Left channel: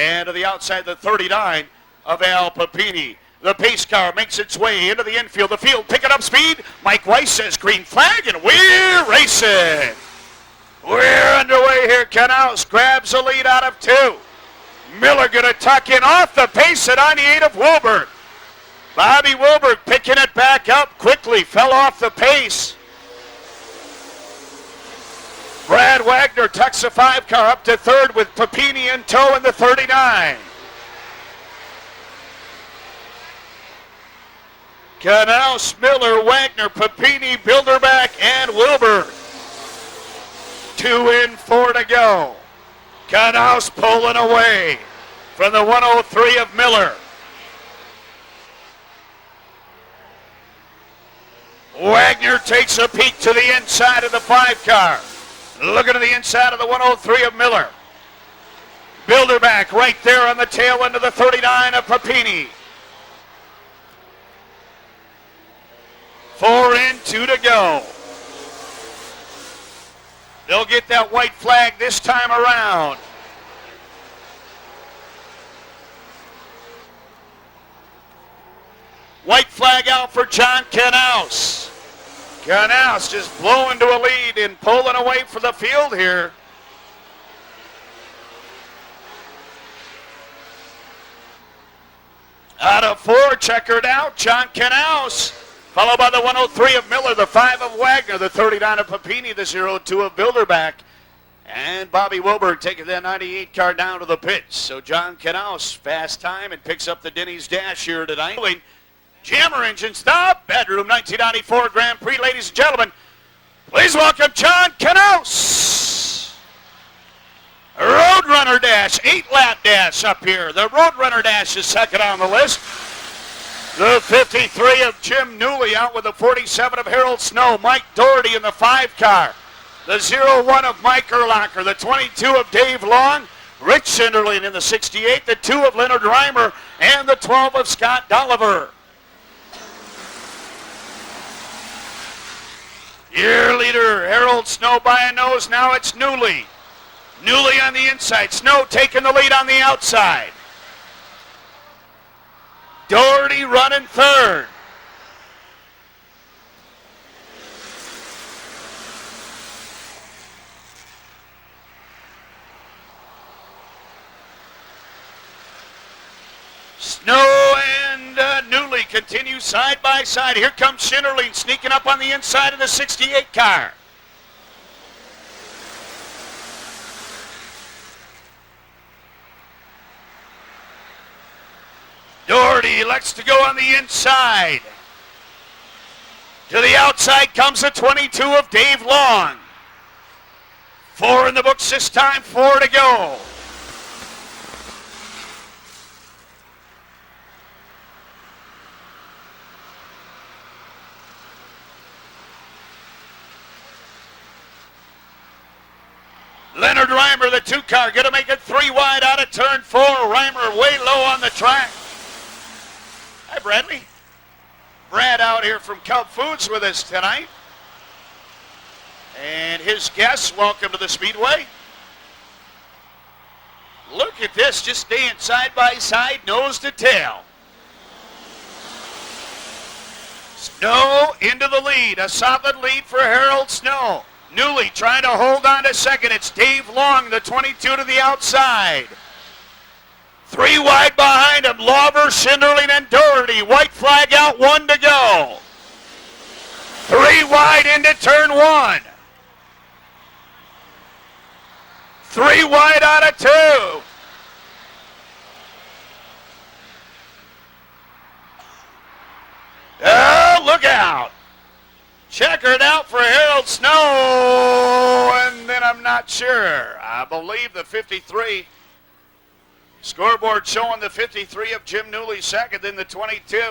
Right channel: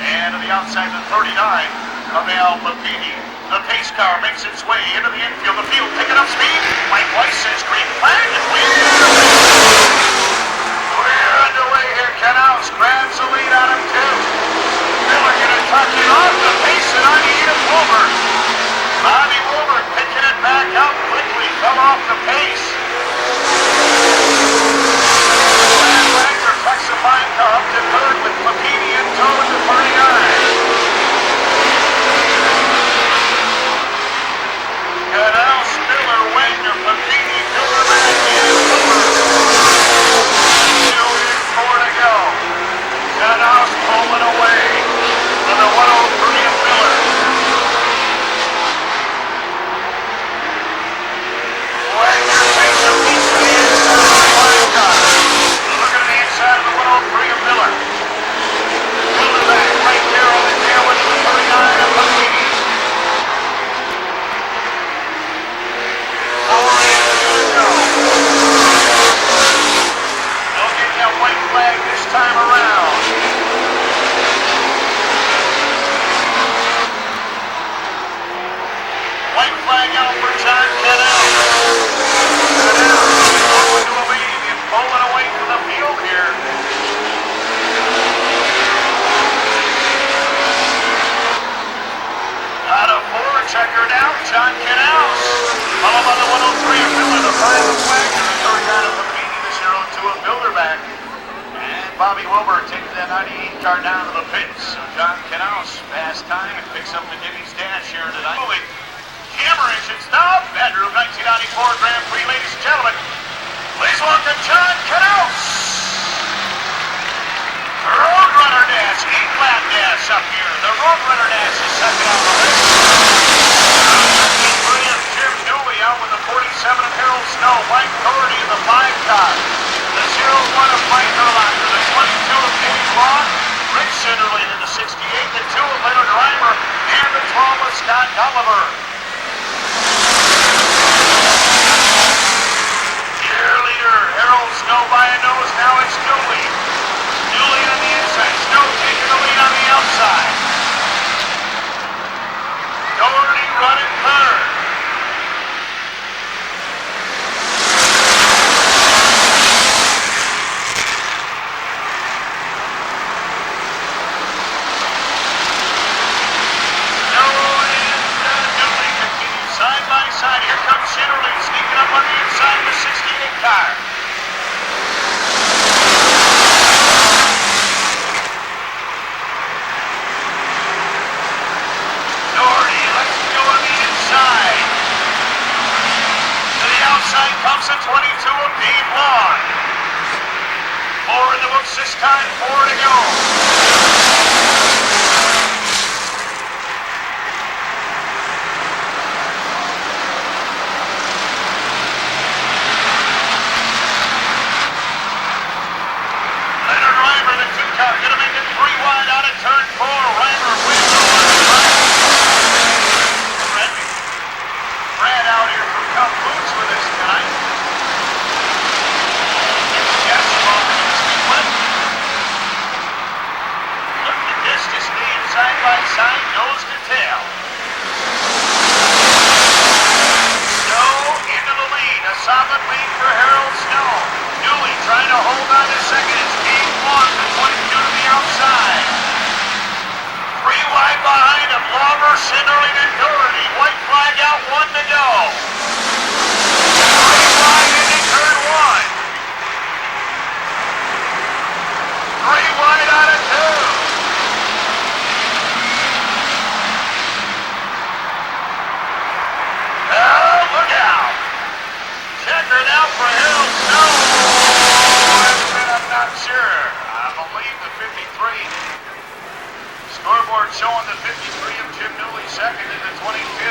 And to the outside, the 39 of Al Papini. The pace car makes its way into the infield. The field picking up speed. Mike Weiss's green flag, and we're racing. We're underway here. Canals grabs the lead out of 2. Miller going to tuck in off the pace at 98 of Wilbur. Bobby Wilbur picking it back up quickly. Fell off the pace. Brad Wagner tucks the 5 car up to 3rd with Papini in tow at the 39. Canals, Miller, Wagner, Papini, Bilderback, and Wilbur. 2 in, 4 to go. Canals pulling away from the 103 of Miller. Wagner takes a peek to the inside of the 5 car. Looking to the inside of the 103 of Miller. Bilderback right there on the tail end of the 39 of Papini. 4 in, 2 to go. They'll get that white flag this time around. White flag out for John Canals. Canals is close to a lead and pulling away from the field here. Out of 4, checkered out, John Canals. Followed by the 103 of Miller, the 5 of Wagner, the 39 of Papini, the 0-2 of Bilderback. And Bobby Wilbur taking that 98 car down to the pits. So John Canals, fast time, and picks up the Denny's dash here tonight. Jammer engine stop, bedroom 1994 Grand Prix, ladies and gentlemen. Please welcome John Canals. Roadrunner dash, 8-lap dash up here. The Roadrunner dash is second on the list. The 53 of Jim Newey out with the 47 of Harold Snow. Mike Doherty in the 5 car. The 01 of Mike Erlacher. The 22 of Dave Long. Rick Schinderling in the 68. The 2 of Leonard Reimer. And the 12 of Scott Dolliver. Year leader Harold Snow by a nose. Now it's Newey. Newey on the inside. Snow taking the lead on the outside. Doherty running 3rd. Snow and Newey continue side by side. Here comes Schinderling sneaking up on the inside of the 68 car. Doherty lets go on the inside. To the outside comes the 22 of Dave Long. 4 in the books this time, 4 to go. Leonard Reimer, the 2 car, gonna make it 3 wide out of turn 4. Reimer way low on the right. Brad out here from Cup Foods with us tonight. And his guest on the Speedway. Look at this, just staying side by side, nose to tail. Snow into the lead, a solid lead for Harold Snow. Newey trying to hold on to second. It's Dave Long, the 22 to the outside. 3 wide behind him, Lauber, Schinderling, and Doherty. White flag out, 1 to go. 3 wide into turn 1. 3 wide out of 2. Oh, look out. Checkered out for Harold Snow. I'm not sure. I believe the 53. Scoreboard showing the 53 of Jim Newey second, and the 22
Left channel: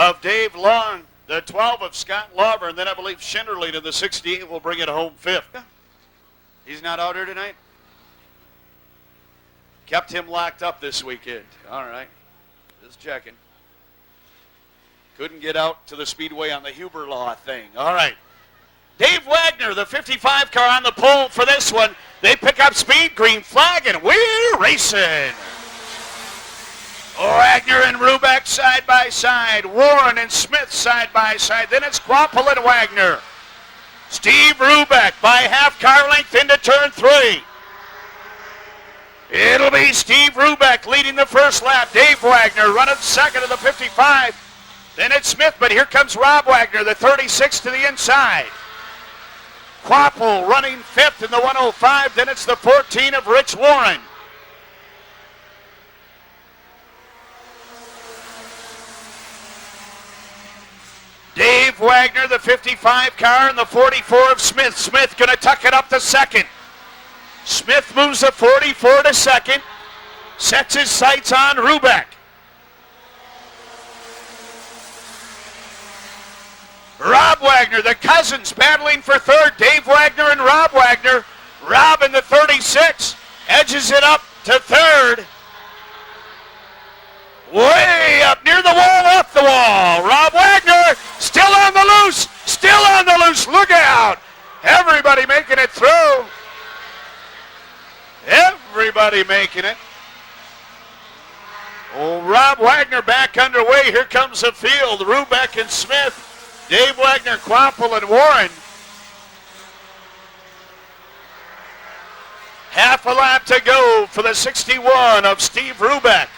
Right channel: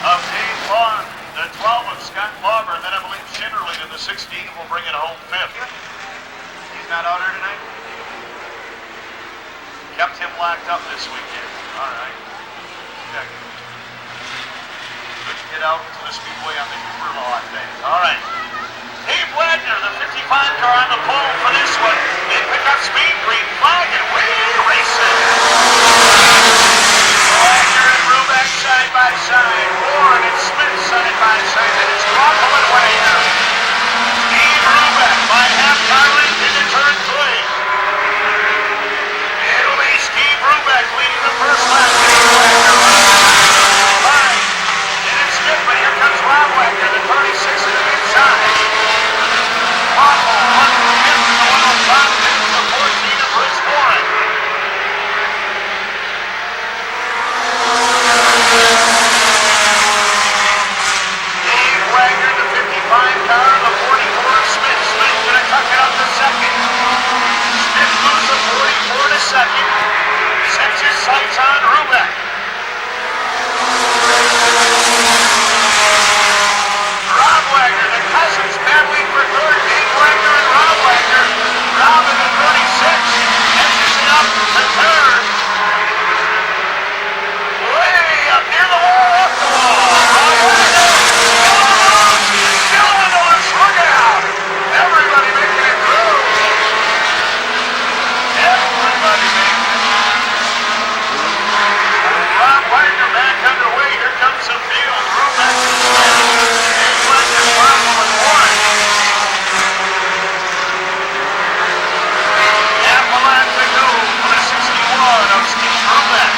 of Dave Long, the 12 of Scott Lauber, and then I believe Schinderling in the 16 will bring it home 5th. He's not out here tonight? Kept him locked up this weekend. All right. Okay. Couldn't get out to the Speedway on the Uber law thing. All right. Dave Wagner, the 55 car on the pole for this one. They pick up speed, green flag, and we're racing. Rubeck side by side. Warren and Smith side by side. Then it's Groppel and Wagner. Steve Rubeck by half car length into turn 3. It'll be Steve Rubeck leading the first lap. Dave Wagner running second to 55. And it's Smith, but here comes Rob Wagner, the 36 to the inside. Groppel running fifth in the 105. Then it's the 14 of Rich Warren. Dave Wagner, the 55 car, and the 44 of Smith. Smith gonna tuck it up to second. Smith moves a 44 to second. Sets his sights on Rubeck. Rob Wagner, the cousins battling for third. Dave Wagner and Rob Wagner. Rob in the 36, edges it up to third. Way up near the wall, off the wall. Rob Wagner, still on the loose, still on the loose. Look out! Everybody making it through. Everybody making it. Rob Wagner back underway. Here comes the field. Rubeck and Smith. Dave Wagner, Groppel and Warren. Half a lap to go for the 61 of Steve Rubeck.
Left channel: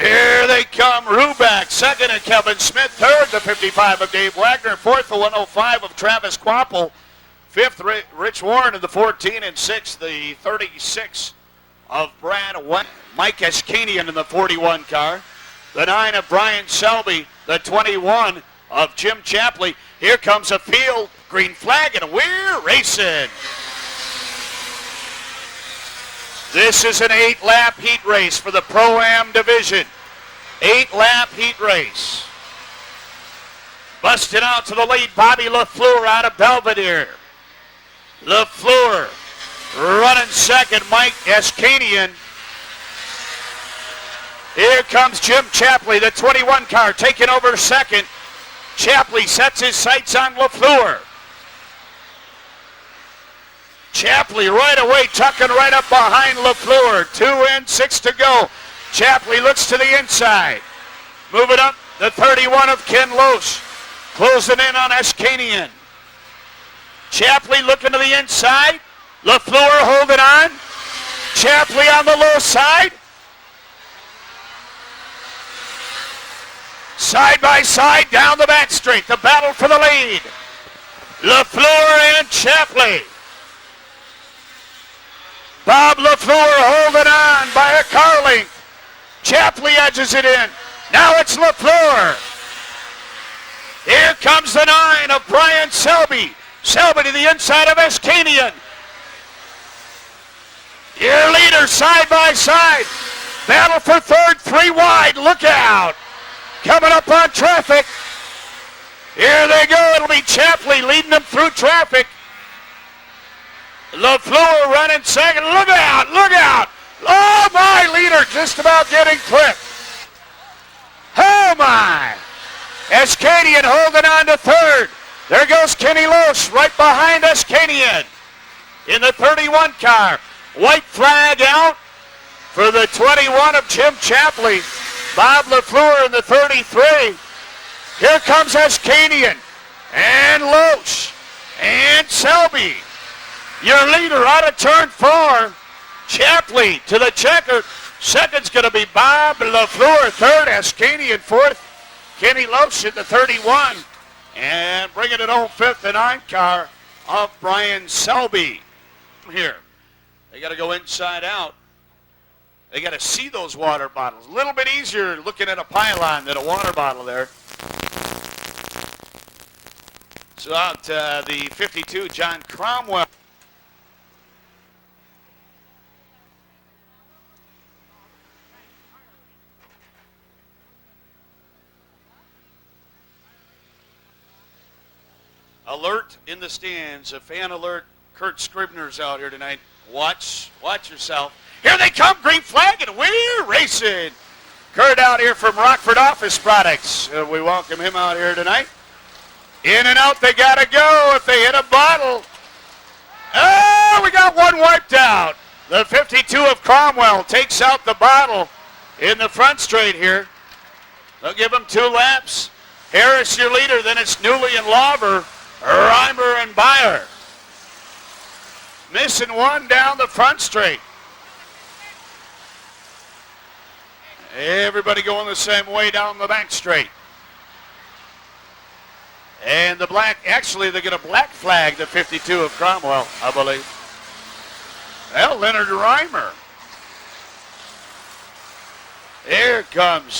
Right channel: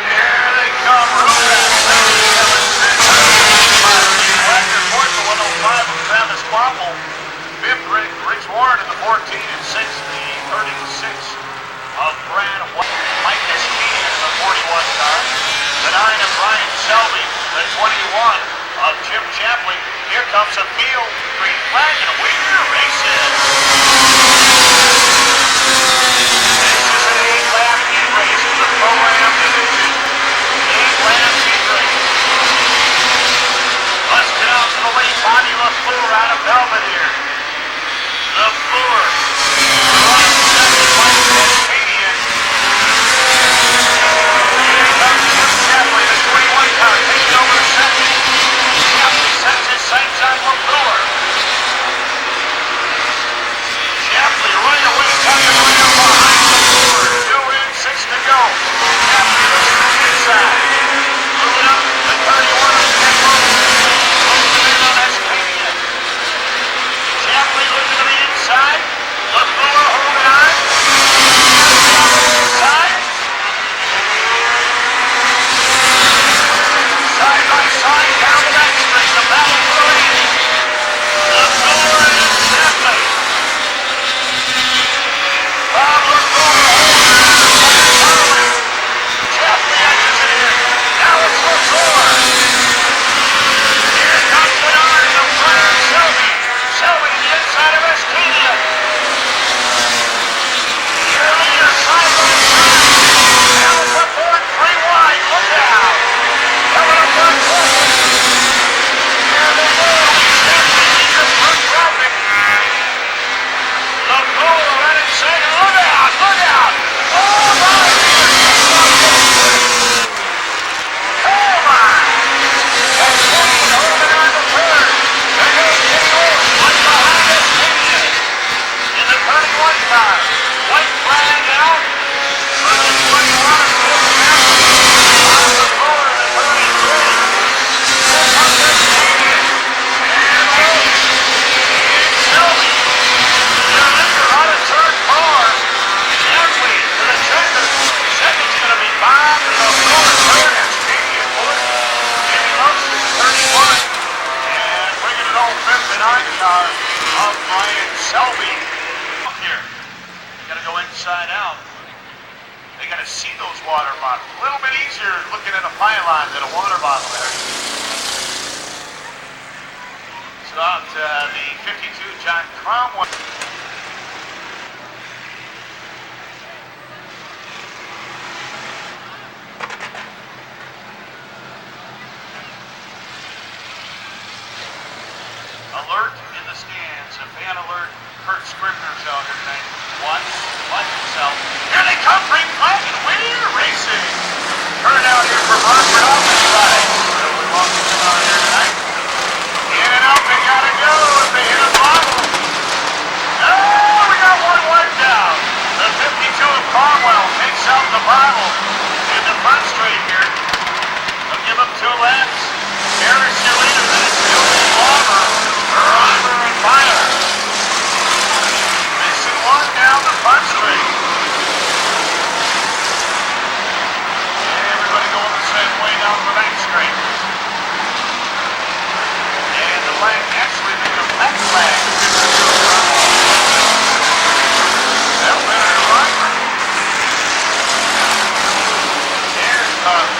Here they come. Rubeck, second, Kevin Smith, third, the 55 of Dave Wagner, fourth, the 105 of Travis Groppel, fifth, Rich Warren, the 14, and sixth, the 36 of Brad White. Mike Espedian in the 41 car. The 9 of Brian Selby, the 21 of Jim Chapley. Here comes a field, green flag, and we're racing. This is an 8-lap heat race for the Pro-Am division. 8-lap heat race. Busting out to the late, Bobby LaFleur out of Belvedere. LaFleur running second, Mike Espedian. Here comes Jim Chapley, the 21 car, taking over second. Chapley sets his sights on LaFleur. Chapley right away tucking right up behind LaFleur. 2 and 6 to go. Chapley looks to the inside. Moving up, the 31 of Ken Loach. Pulls it in on Espedian. Chapley looking to the inside. LaFleur holding on. Chapley on the little side. Side by side, down the back straight. The battle for the lead. LaFleur and Chapley. Bob LaFleur holding on by the Carly. Chapley edges it in. Now it's LaFleur. Here comes the 9 of Brian Selby. Selby to the inside of Escadia. Your leader side by side. Now for third, 3 wide. Look out. Coming up on traffic. Here they go. It'll be Chapley leading them through traffic. LaFleur running second. Look out! Look out! Oh my, leader just about getting clipped. Oh my! Escadian holding on to third. There goes Kenny Lewis right behind Escadian. In the 31 car. White flag out for the 21 of Jim Chapley. Bob LaFleur in the 33. Here comes Escadian. And Lewis. And Selby. Your leader out of turn 4. Chapley to the checker. Second's going to be Bob and LaFleur. Third, Escadian fourth. Kenny Lewis in the 31. And bringing it home fifth and 9 car of Brian Selby. Here. They got to go inside out. They got to see those water bottles. A little bit easier looking at a pylon than a water bottle there. So out the 52, John Cromwell. Alert in the stands. A fan alert. Kurt Scribner's out here tonight. Watch yourself. Here they come, green flag, and we're racing. Kurt out here from Rockford Office Flags. We're walking him out here tonight. In and out, they gotta go if they hit a bottle. Oh, we got one wiped out. The 52 of Cromwell takes takes out the bottle in the front straight here. They'll give him 2 laps. Harris your leader, then it's Newman and Lauber, Rocker and Byer. Missing 1 down the front straight. Everybody going the same way down the back straight. And the black, actually they're going to black flag the 52 of front one. That'll be under Rockford. There it comes.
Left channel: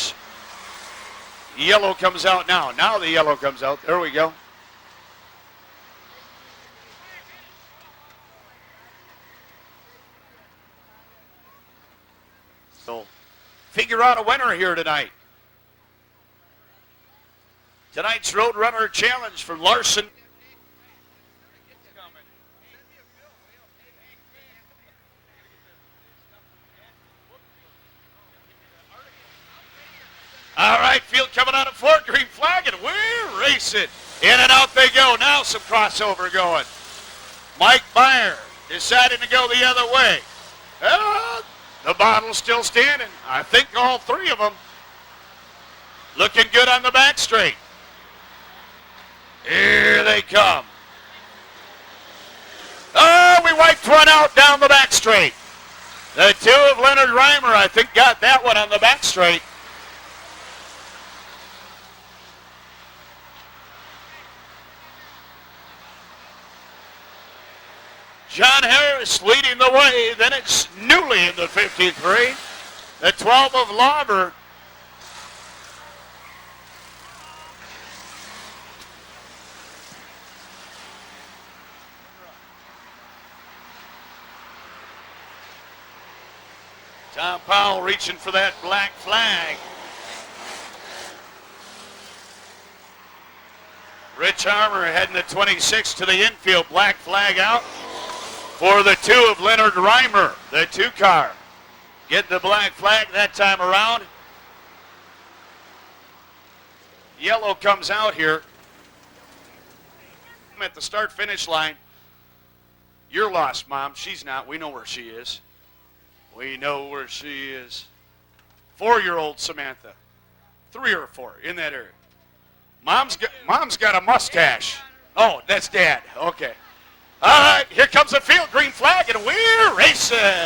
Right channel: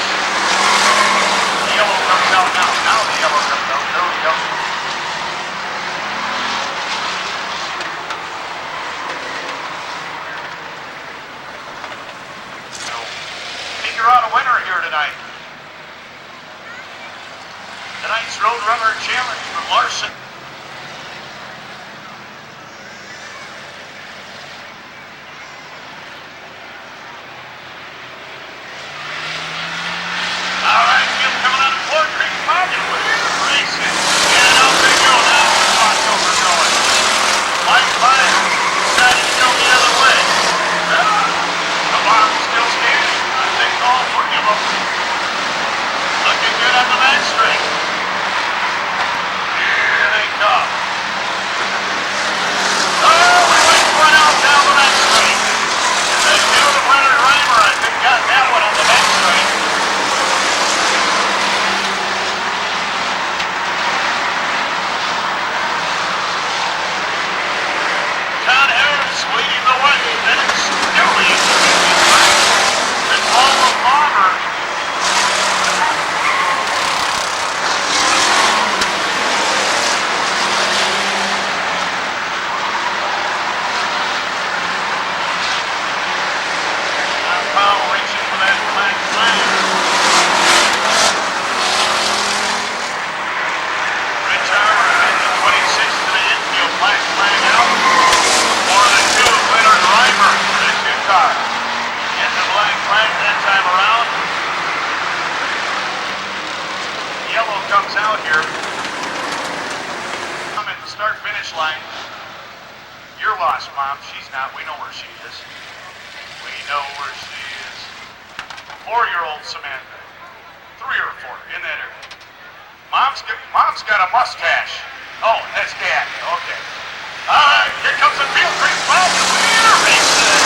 The yellow comes out now. Now the yellow comes out. There we go. So, figure out a winner here tonight. Tonight's Roadrunner Challenge for Larson. All right, field coming on Fort Creek Park. Racing. In and out they go. Now some crossover going. Mike Byer decided to go the other way. The bottom still standing. I think all 3 of them. Looking good on the back straight. Here they come. Oh, the right front out down the back straight. The 2 of Leonard Reimer, I think, got that one on the back straight. John Harris leading the way. Then it's Newman in the 53. The 12 of Lauber. Reaching for that black flag. Rich Harper had the 26 to the infield. Black flag out for the 2 of Leonard Reimer, the 2 car. Get the black flag that time around. Yellow comes out here. At the start-finish line. You're lost, Mom. She's not. We know where she is. We know where she is. 4-year-old Samantha. 3 or 4 in that area. Mom's got a mustache. Oh, that's Dad. Okay. All right, here comes the field. Green flag. We're racing.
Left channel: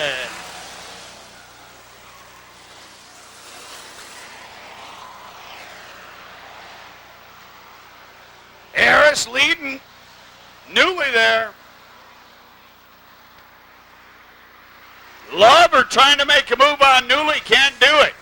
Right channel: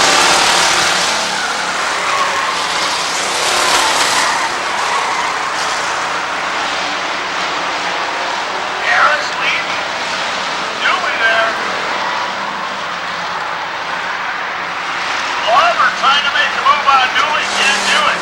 Harris leading. Newly there. Lauber trying to make the move on Newman, can't do it.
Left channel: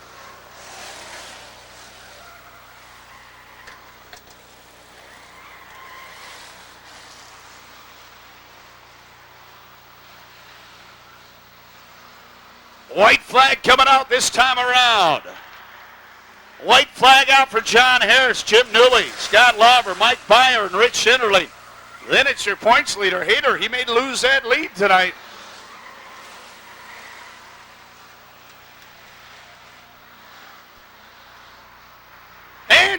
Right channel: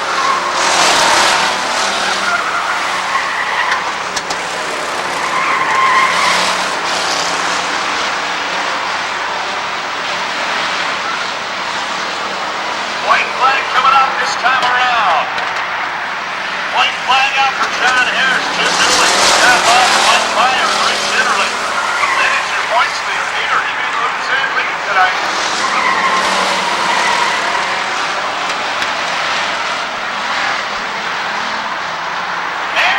White flag coming out this time around. White flag out for John Harris, Jim Newman, Scott Lawson, Mike Byers, Rich Shinnerly. Then it's your points leader here. He may lose that lead tonight.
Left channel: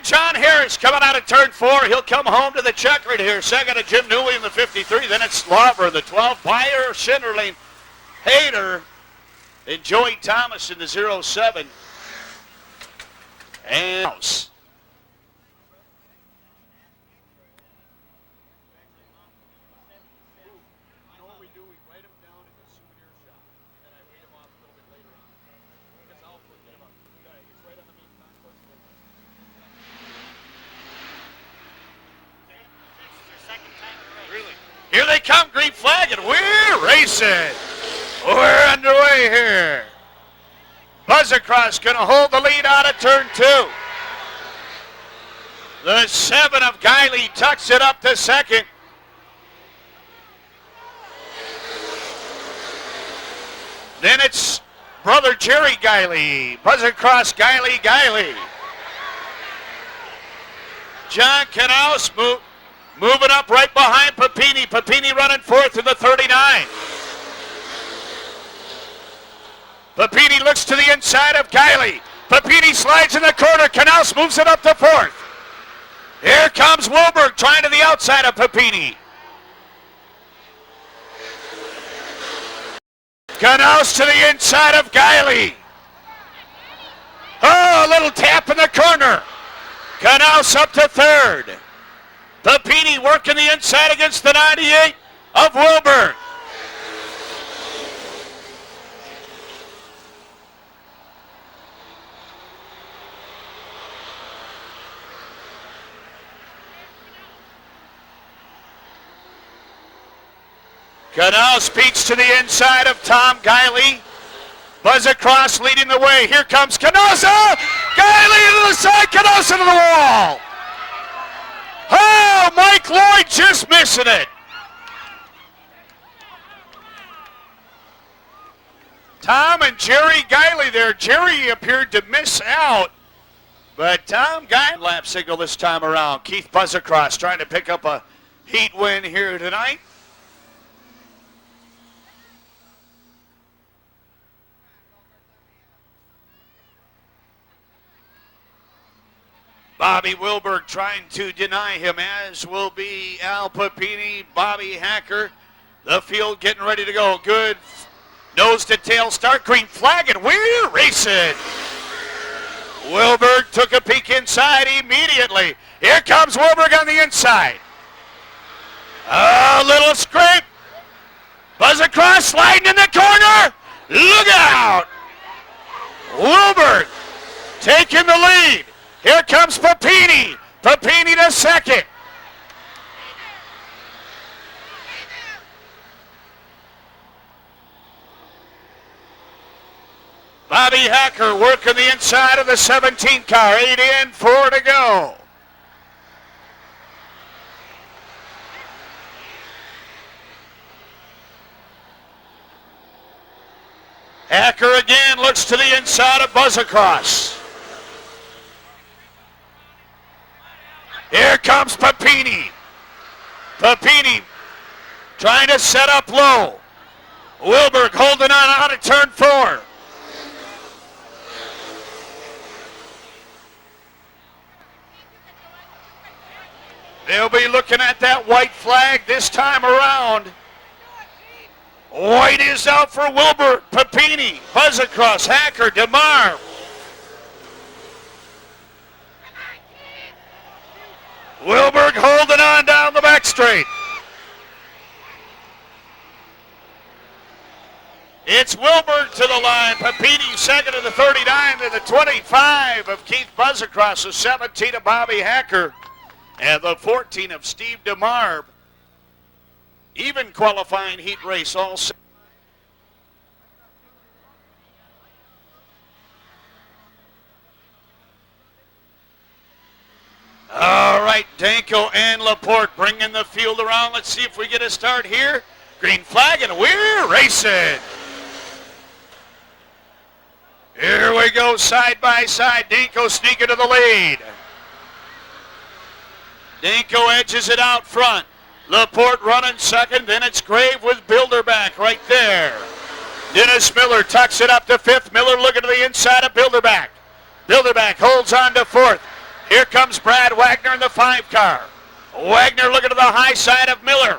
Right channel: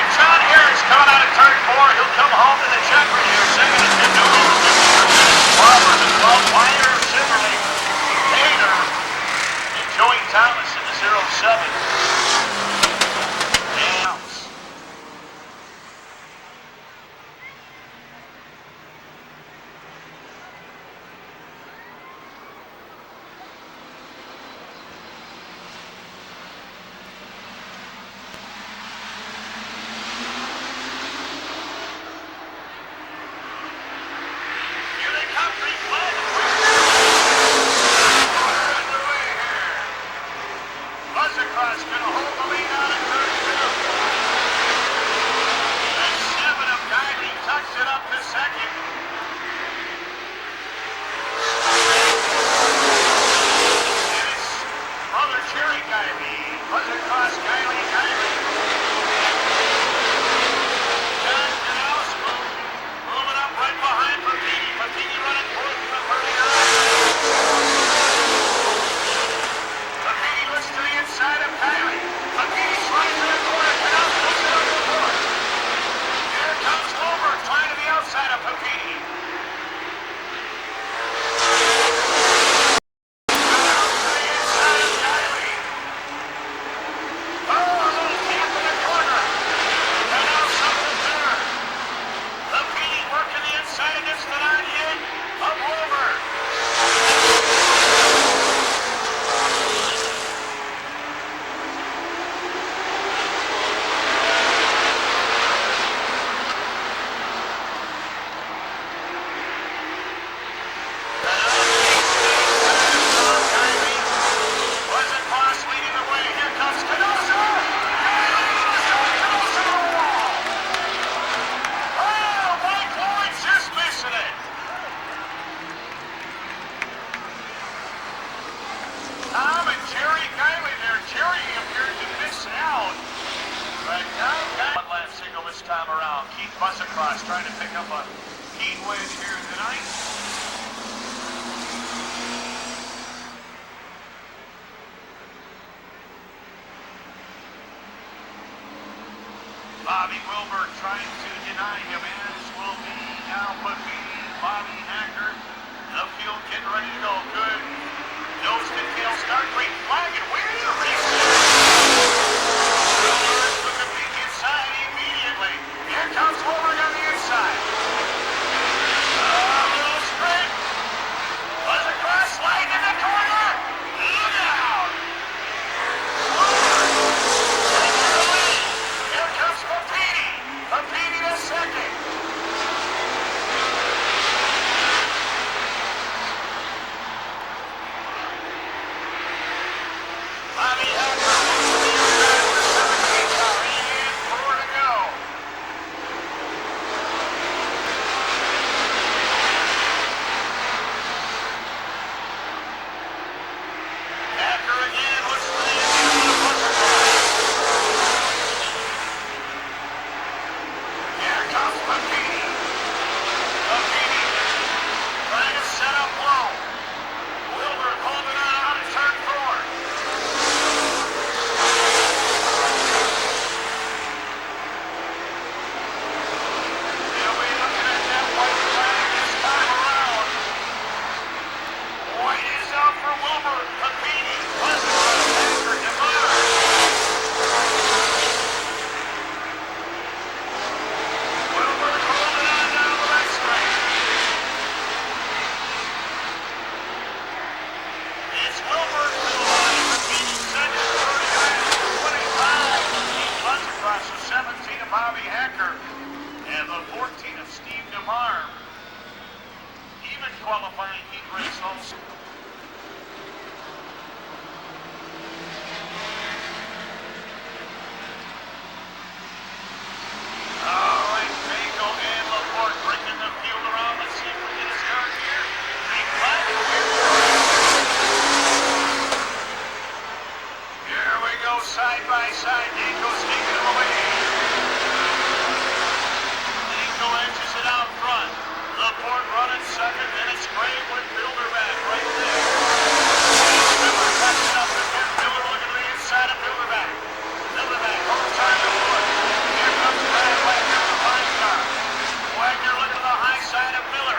John Harris coming out of turn 4. He'll come home to the checkered here. Second is Jim Newman, 53 minutes. Barber, the 12. Meyer, Shinnerly, Hayner, and Joey Thomas in the 07. And here they come, green flag, and we're racing. We're underway here. Buzzercross going to hold the lead out of turn 2. The 7 of Guiley tucks it up to second. Then it's brother Jerry Guiley. Buzzercross, Guiley. John Knaus moving up right behind Papini. Papini running 4th in the 39. Papini looks to the inside of Guiley. Papini slides in the corner. Knaus moves it up to 4th. Here comes Wilbur trying to the outside of Papini. Canals to the inside of Guiley. Oh, a little tap in the corner. Canals up to third. Papini working the inside against the 98 of Wilbur. Canal speeds to the inside of Tom Guiley. Buzz across leading the way. Here comes Canosa. Guiley into the side. Canosa to the wall. Oh, Mike Lloyd just missing it. Tom and Jerry Guiley there. Jerry appeared to miss out, but Tom Guiley lap signal this time around. Keith Buzzacross trying to pick up a heat win here tonight. Bobby Wilbur trying to deny him, as will be Al Papini, Bobby Hacker. The field getting ready to go. Good nose to tail start. Green flag and we're racing. Wilbur took a peek inside immediately. Here comes Wilbur on the inside. A little scrape. Buzz across, sliding in the corner. Look out. Wilbur taking the lead. Here comes Papini. Papini to second. Bobby Hacker working the inside of the 17 car. 8 in, 4 to go. Hacker again looks to the inside of Buzz across. Here comes Papini. Papini trying to set up low. Wilbur holding on out of turn 4. They'll be looking at that white flag this time around. White is out for Wilbur. Papini, Buzz across, Hacker, DeMar. Wilbur holding on down the back straight. It's Wilbur to the line. Papini second to the 39 to the 25 of Keith Buzz across, the 17 of Bobby Hacker, and the 14 of Steve DeMar. Even qualifying heat race also. All right, Danko and Laporte bringing the field around. Let's see if we get a start here. Green flag and we're racing. Here we go, side by side. Danko sneaking to the lead. Danko edges it out front. Laporte running second, then it's Grave with Bilderback right there. Dennis Miller tucks it up to fifth. Miller looking to the inside of Bilderback. Bilderback holds on to fourth. Here comes Brad Wagner in the 5 car. Wagner looking to the high side of Miller.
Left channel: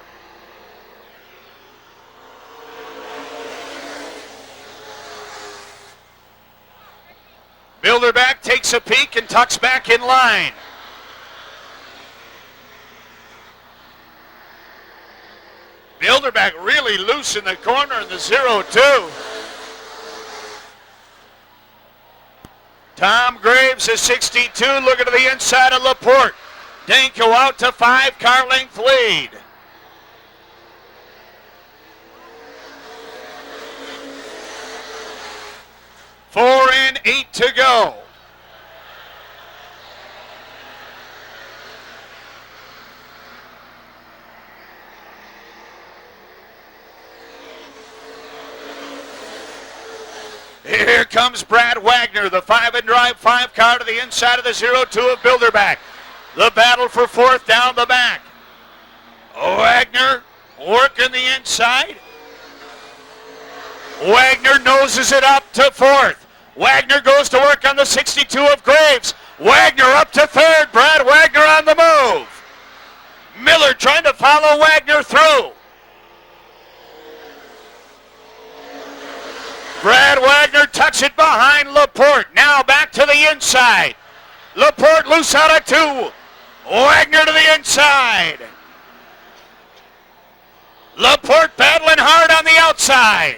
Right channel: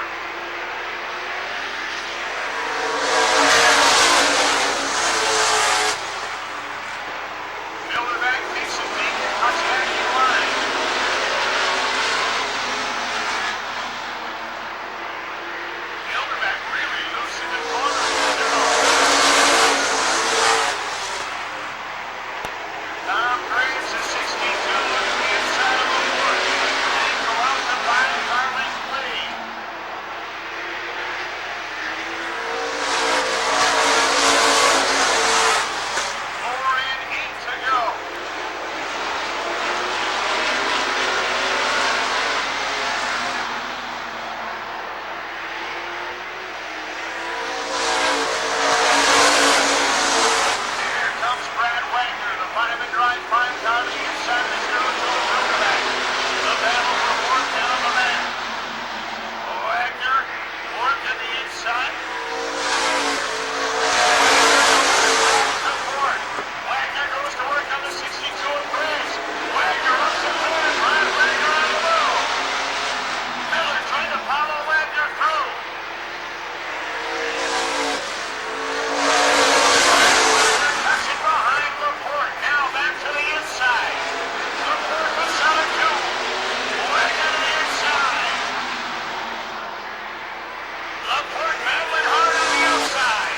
Bilderback takes a peek and tucks back in line. Bilderback really loose in the corner of the 0-2. Tom Graves is 62, looking to the inside of Laporte. Danko out to 5-car length lead. Four in, 8 to go. Here comes Brad Wagner, the 5-and-drive 5-car to the inside of the 0-2 of Bilderback. The battle for fourth down the back. Wagner working the inside. Wagner noses it up to fourth. Wagner goes to work on the 62 of Graves. Wagner up to third. Brad Wagner on the move. Miller trying to follow Wagner through. tucks it behind Laporte. Now back to the inside. Laporte loose out of 2. Wagner to the inside. Laporte battling hard on the outside.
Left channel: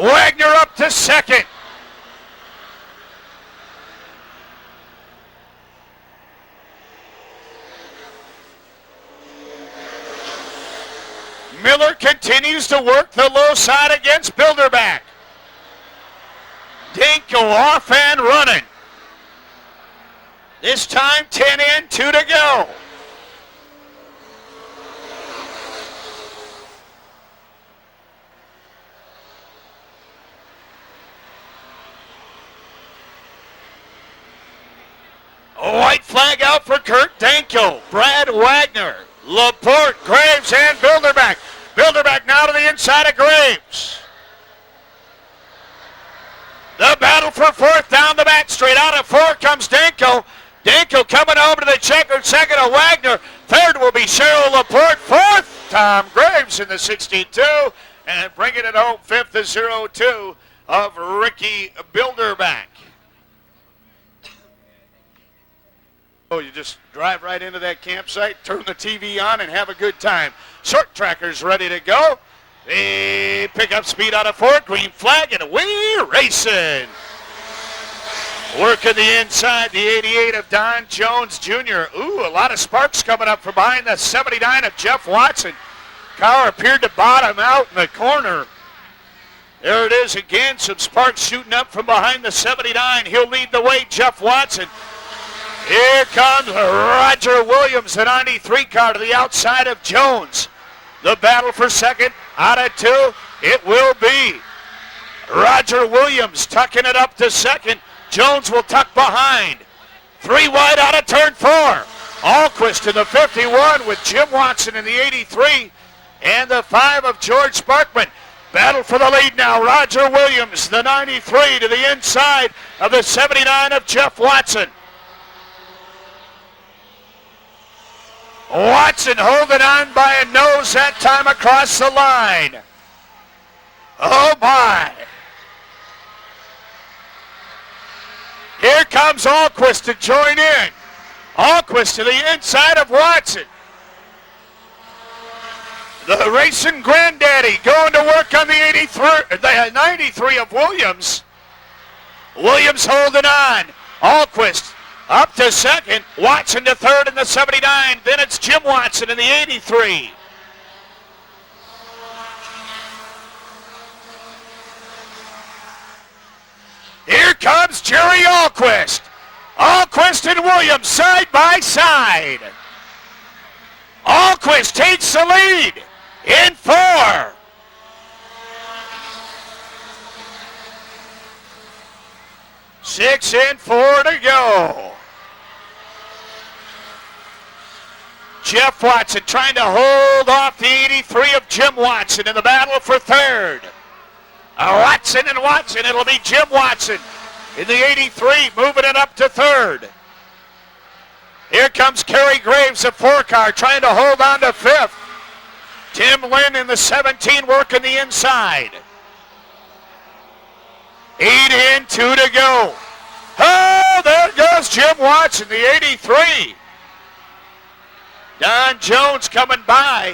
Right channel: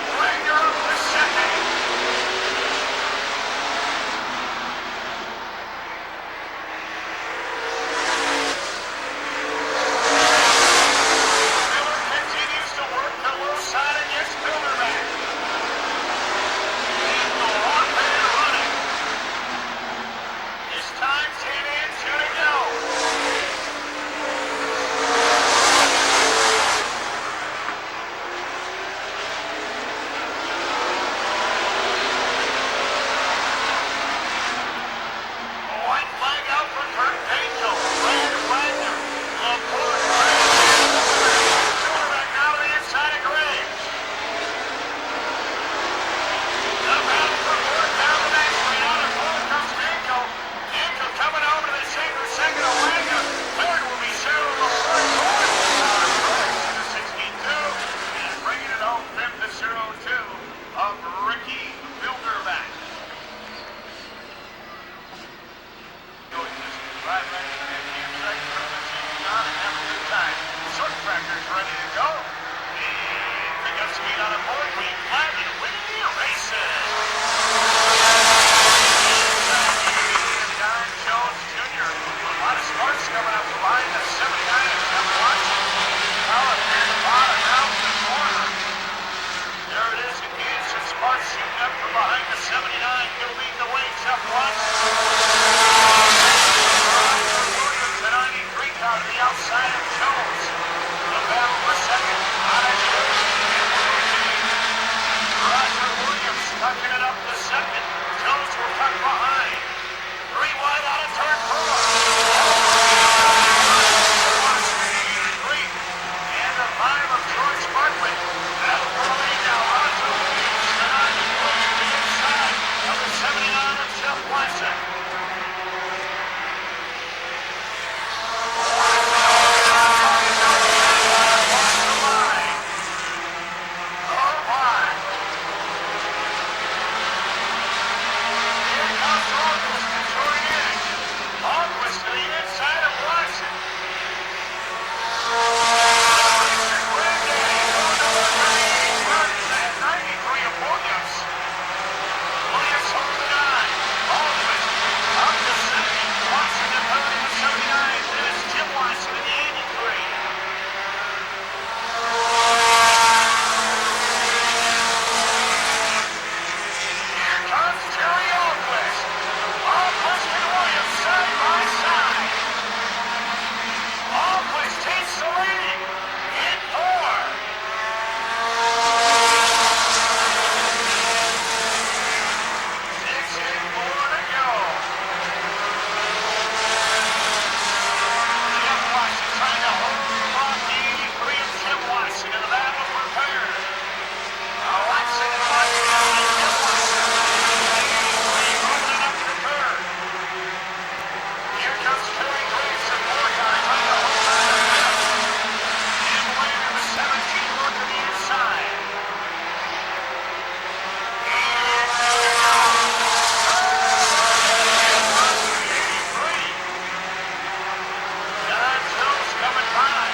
Wagner up to second. Miller continues to work the low side against Bilderback. Dinko off and running. This time 10 in, 2 to go. A white flag out for Kurt Danko. Brad Wagner, Laporte, Graves, and Bilderback. Bilderback now to the inside of Graves. The battle for 4th down the back straight. Out of 4 comes Danko. Danko coming over to the checkered second of Wagner. 3rd will be Cheryl Laporte. 4th, Tom Graves in the 62. And bringing it home, 5th is 0-2 of Ricky Bilderback. Oh, you just drive right into that campsite, turn the TV on, and have a good time. Short trackers ready to go. They pick up speed out of 4th, green flag, and away racing. Working the inside, the 88 of Don Jones Jr. Ooh, a lot of sparks coming up from behind the 79 of Jeff Watson. Car appeared to bottom out in the corner. There it is again, some sparks shooting up from behind the 79. He'll lead the way, Jeff Watson. Here comes Roger Williams, the 93 car to the outside of Jones. The battle for second out of 2. It will be Roger Williams tucking it up to second. Jones will tuck behind. 3 wide out of turn 4. Alquist in the 51 with Jim Watson in the 83. And the 5 of George Sparkman. Battle for the lead now. Roger Williams, the 93 to the inside of the 79 of Jeff Watson. Watson holding on by a nose that time across the line. Oh my. Here comes Alquist to join in. Alquist to the inside of Watson. The racing granddaddy going to work on the 93 of Williams. Williams holding on. Alquist up to second, Watson to 3rd in the 79, then it's Jim Watson in the 83. Here comes Jerry Alquist. Alquist and Williams side by side. Alquist takes the lead in 4. Six and 4 to go. Jeff Watson trying to hold off the 83 of Jim Watson in the battle for 3rd. Watson and Watson, it'll be Jim Watson in the 83 moving it up to 3rd. Here comes Kerry Graves, a 4 car, trying to hold on to 5th. Tim Lynn in the 17 working the inside. 8 in, 2 to go. Oh, there goes Jim Watson, the 83. Don Jones coming by.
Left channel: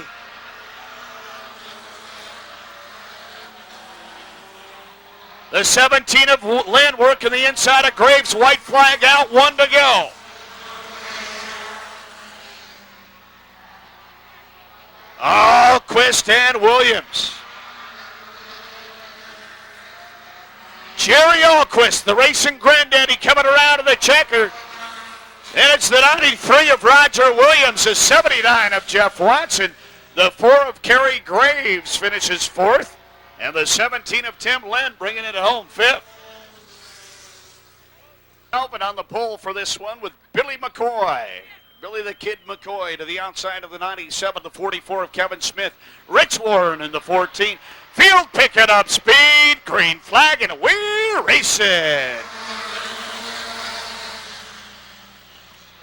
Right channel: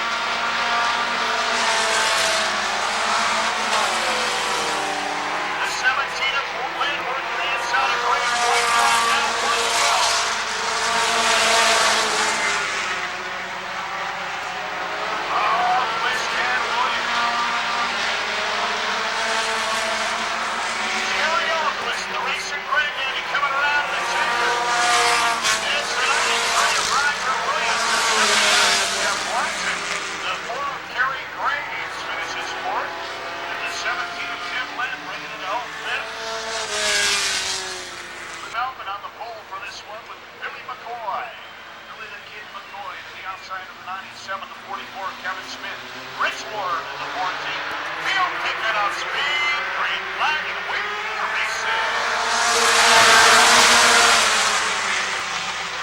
The 17 of Lynn working the inside of Graves. White flag out, 1 to go. Alquist and Williams. Jerry Alquist, the racing granddaddy, coming around in the checker. And it's the 93 of Roger Williams, the 79 of Jeff Watson. The 4 of Kerry Graves finishes 4th. And the 17 of Tim Lynn bringing it home 5th. Helping on the pole for this one with Billy McCoy. Billy the Kid McCoy to the outside of the 97 to 44 of Kevin Smith. Rich Lauren in the 14. Field picking up speed. Green flag and away racing.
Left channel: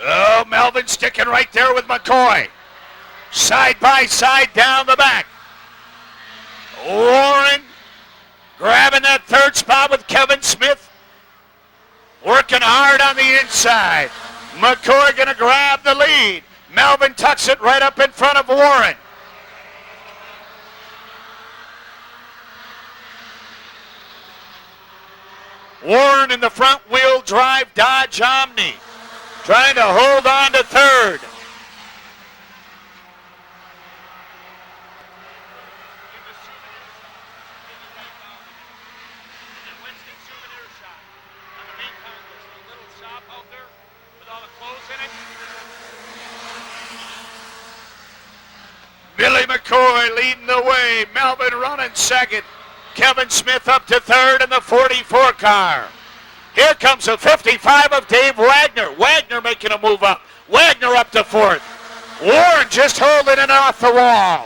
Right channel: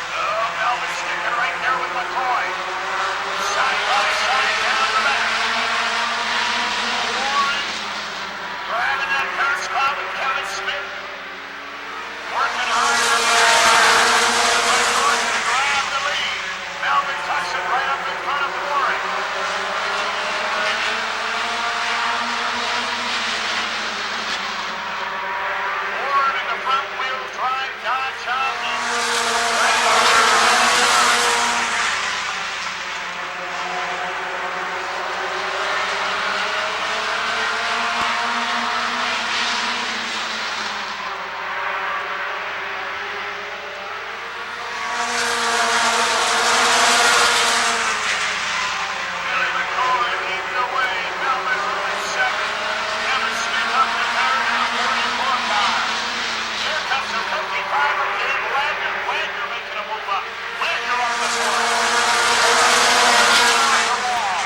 Oh, Melvin's sticking right there with McCoy. Side by side down the back. Warren grabbing that third spot with Kevin Smith. Working hard on the inside. McCoy gonna grab the lead. Melvin tucks it right up in front of Warren. Warren in the front wheel drive Dodge Omni. Trying to hold on to third. Billy McCoy leading the way. Melvin running second. Kevin Smith up to third in the 44 car. Here comes the 55 of Dave Wagner. Wagner making a move up. Wagner up to fourth. Warren just holding it off the wall.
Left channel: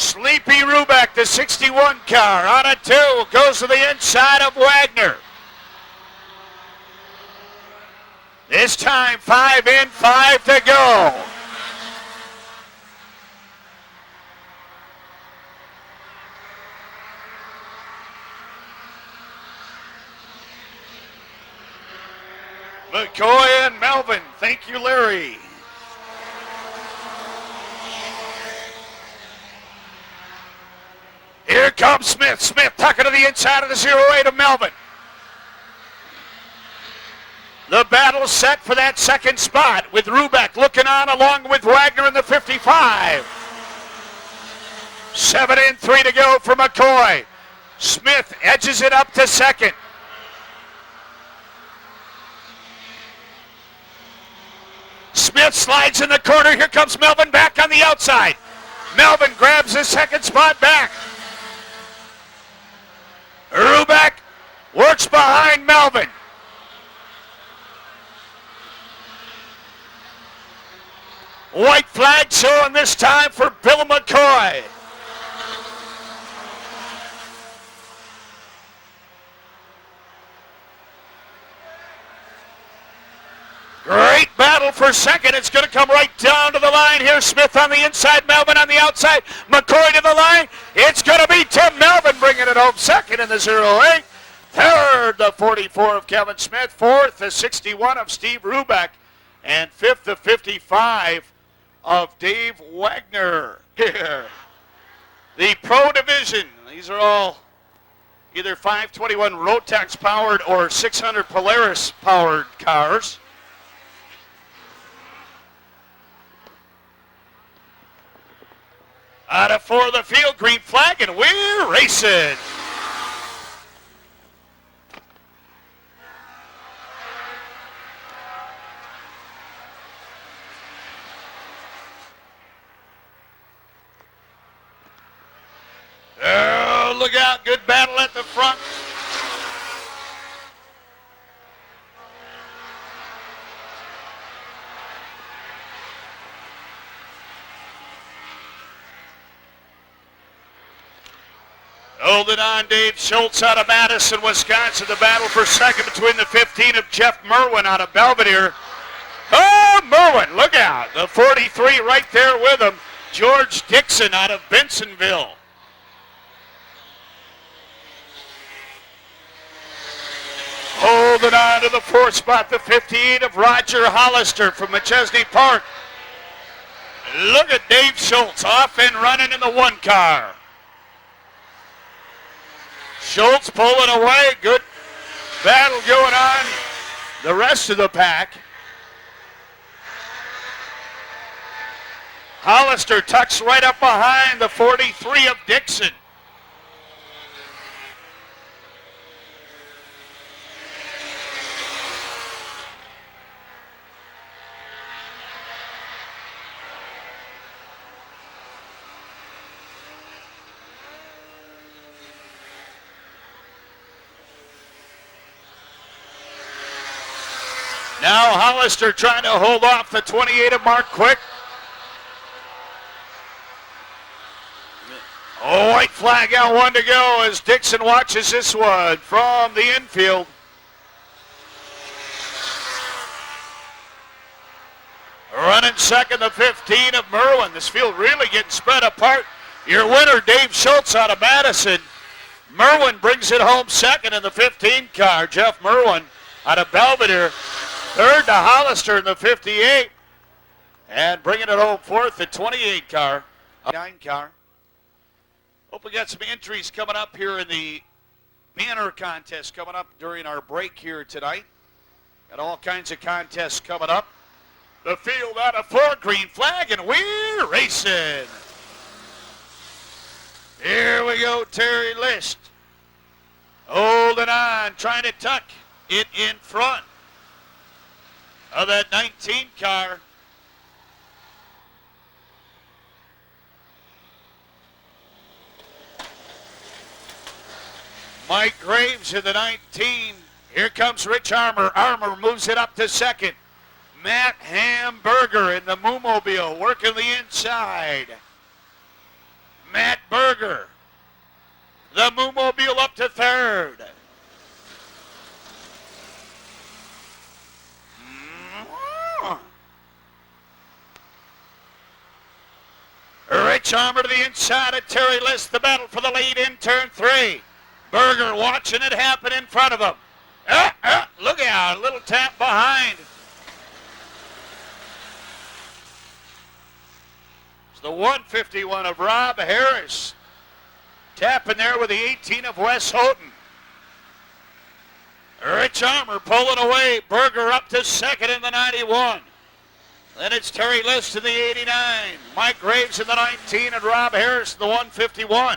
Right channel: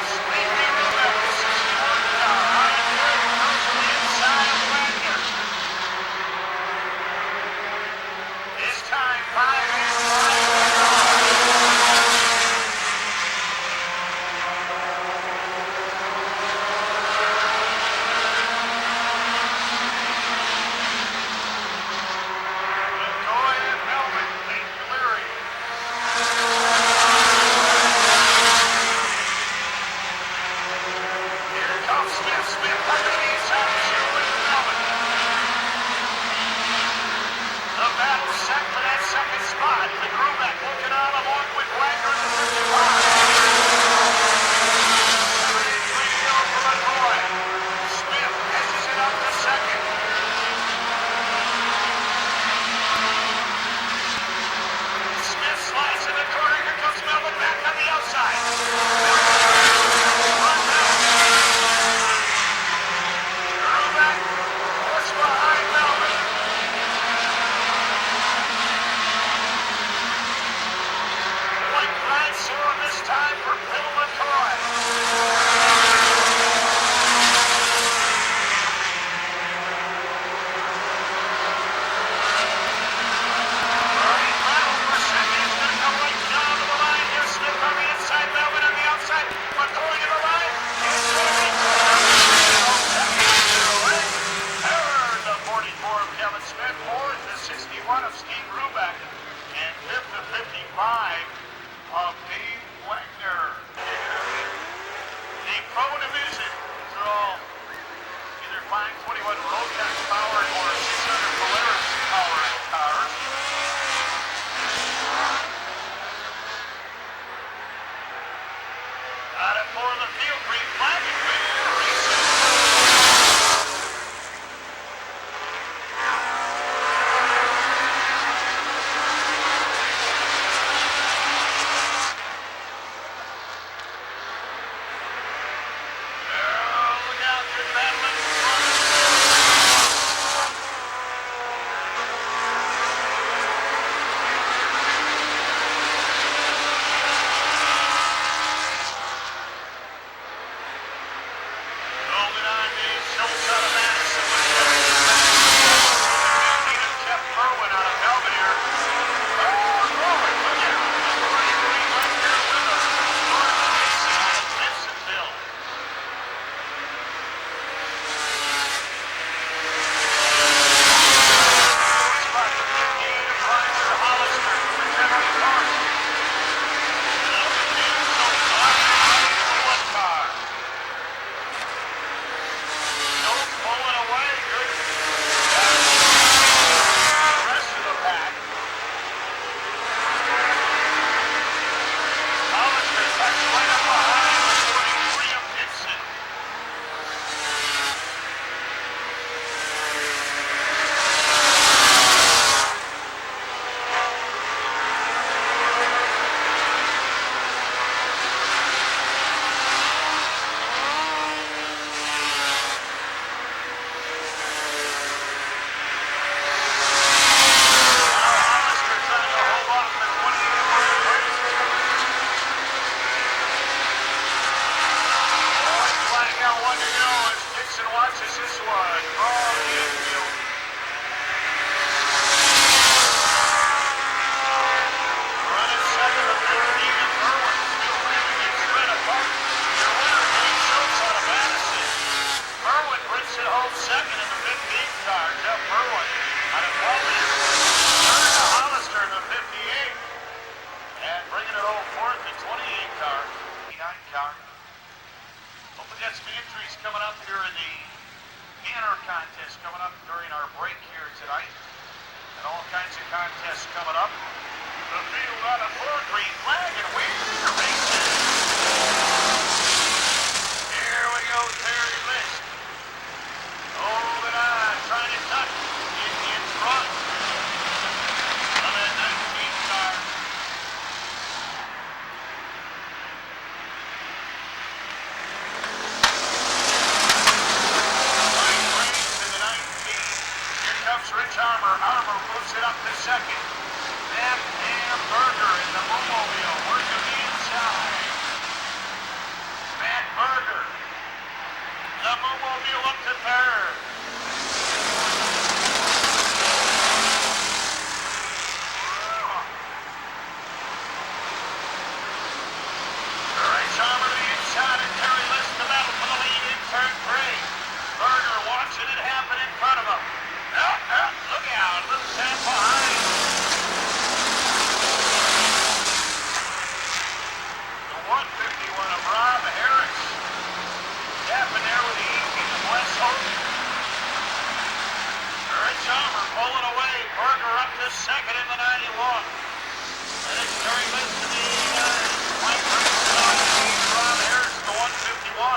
Sleepy Rubeck, the 61 car, on a two. Goes to the inside of Wagner. This time, 5 in, 5 to go. McCoy and Melvin. Thank you, Larry. Here comes Smith. Smith tucking to the inside of the 08 of Melvin. The battle set for that second spot with Rubeck looking on along with Wagner in the 55. 7 in, 3 to go for McCoy. Smith edges it up to second. Smith slides in the corner. Here comes Melvin back on the outside. Melvin grabs his second spot back. Rubeck works behind Melvin. White flag showing this time for Bill McCoy. Great battle for second. It's going to come right down to the line here. Smith on the inside, Melvin on the outside. McCoy to the line. It's going to be Tim Melvin bringing it home. Second in the 08. Third, the 44 of Kevin Smith. Fourth, the 61 of Steve Rubeck. And fifth, the 55 of Dave Wagner. The Pro Division. These are all either 521 Rotex powered or 600 Polaris powered cars. Out of 4 of the field, green flag, and we're racing. Oh, look out, good battle at the front. Holding on, Dave Schultz out of Madison, Wisconsin. The battle for second between the 15 of Jeff Merwin out of Belvedere. Oh, Merwin, look out. The 43 right there with him. George Dixon out of Bensonville. Holding on to the fourth spot, the 15 of Roger Hollister from McChesney Park. Look at Dave Schultz off and running in the 1 car. Schultz pulling away. Good battle going on. The rest of the pack. Hollister tucks right up behind the 43 of Dixon. Hollister trying to hold off the 28 of Mark Quick. Oh, white flag out, 1 to go as Dixon watches this one from the infield. Running second, the 15 of Merwin. This field really getting spread apart. Your winner, Dave Schultz out of Madison. Merwin brings it home second in the 15 car. Jeff Merwin out of Belvedere. Third to Hollister in the 58. And bringing it home fourth, the 28 car. 9 car. Hope we got some entries coming up here in the banner contest coming up during our break here tonight. And all kinds of contests coming up. The field on a 4 green flag, and we're racing. Here we go, Terry List. Holding on, trying to tuck it in front of that 19 car. Mike Graves in the 19. Here comes Rich Armour. Armour moves it up to second. Matt Hamburger in the Moomobile working the inside. Matt Berger. The Moomobile up to third. Rich Armour to the inside of Terry List. The battle for the lead in turn 3. Berger watching it happen in front of him. Look out, a little tap behind. The 151 of Rob Harris. Tapping there with the 18 of Wes Houghton. Rich Armour pulling away. Berger up to second in the 91. Then it's Terry List in the 89. Mike Graves in the 19 of Rob Harris, the 151.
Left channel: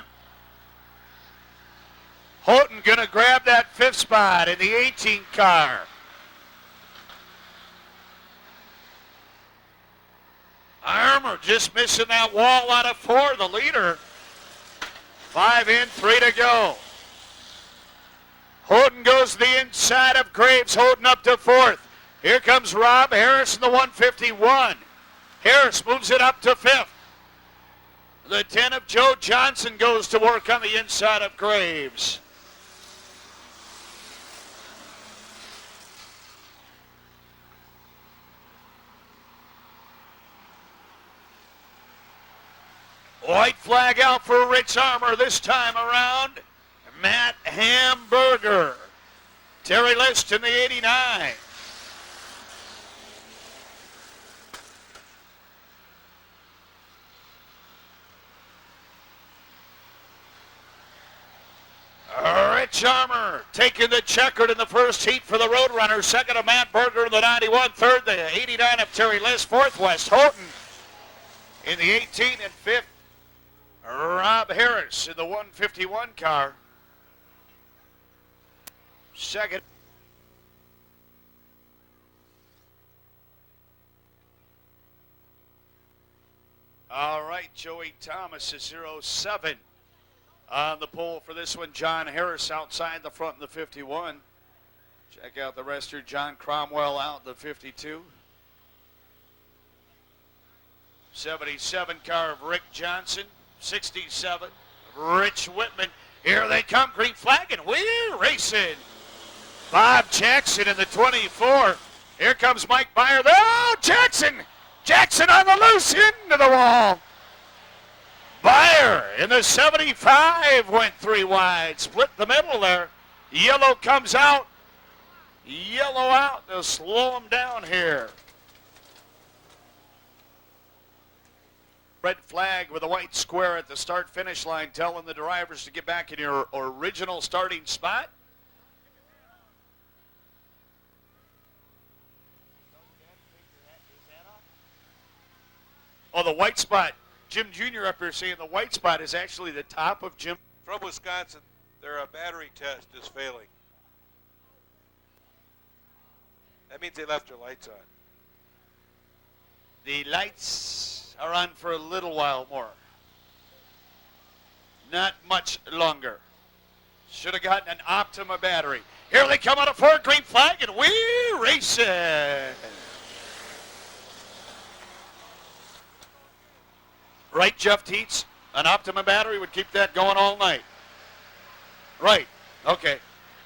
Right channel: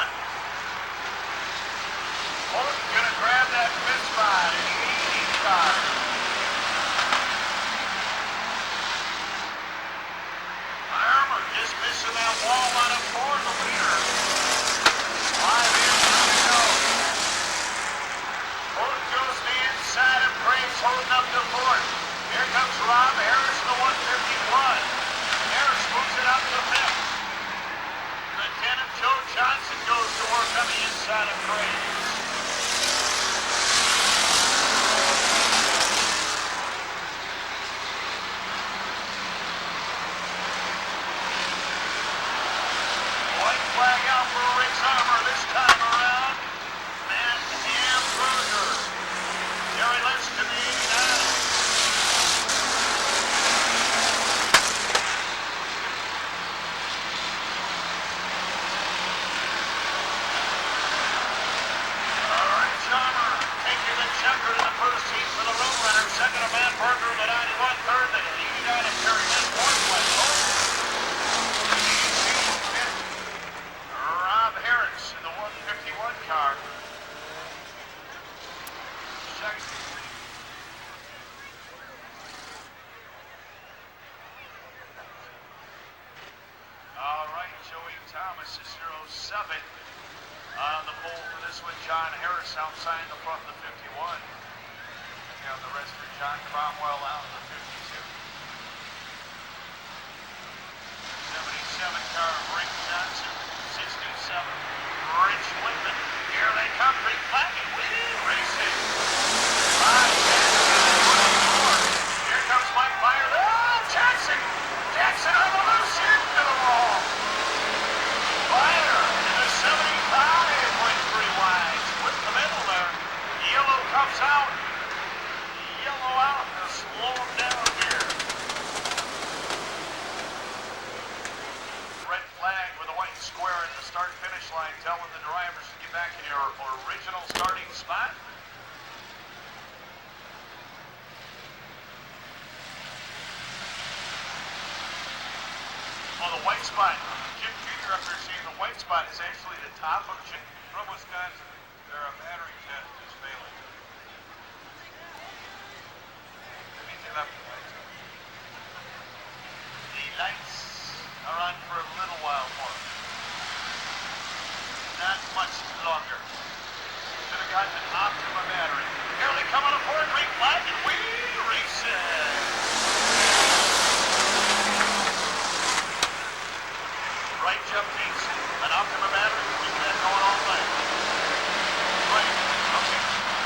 Houghton gonna grab that 5th spot in the 18 car. Armour just missing that wall out of 4, the leader. 5 in, 3 to go. Houghton goes to the inside of Graves, holding up to 4th. Here comes Rob Harris in the 151. Harris moves it up to 5th. The 10 of Joe Johnson goes to work on the inside of Graves. White flag out for Rich Armour this time around. Matt Hamburger. Terry List in the 89. Rich Armour taking the checkered in the first heat for the Roadrunner. Second of Matt Berger in the 91. Third, the 89 of Terry List. Fourth, Wes Houghton in the 18 and 5th. Rob Harris in the 151 car. Second. All right, Joey Thomas is 07 on the pole for this one. John Harris outside the front of the 51. I got the rest here. John Cromwell out the 52. 77 car of Rick Johnson. 67, Rich Whitman. Here they come, green flag, and we're racing. Bob Jackson in the 24. Here comes Mike Meyer. Oh, Jackson! Jackson on the loose, into the wall. Meyer in the 75 went 3 wide. Split the middle there. Yellow comes out. Yellow out to slow him down here. Red flag with a white square at the start-finish line, telling the drivers to get back in your original starting spot. Oh, the white spot. Jim Jr. up here saying the white spot is actually the top of Jim. From Wisconsin, their battery test is failing. That means they left the lights on. The lights are on for a little while more. Not much longer. Should have gotten an Optima battery. Here they come on a 4 green flag, and we race it. Right, Jeff Teets, an Optima battery will keep that going all night. Right, okay.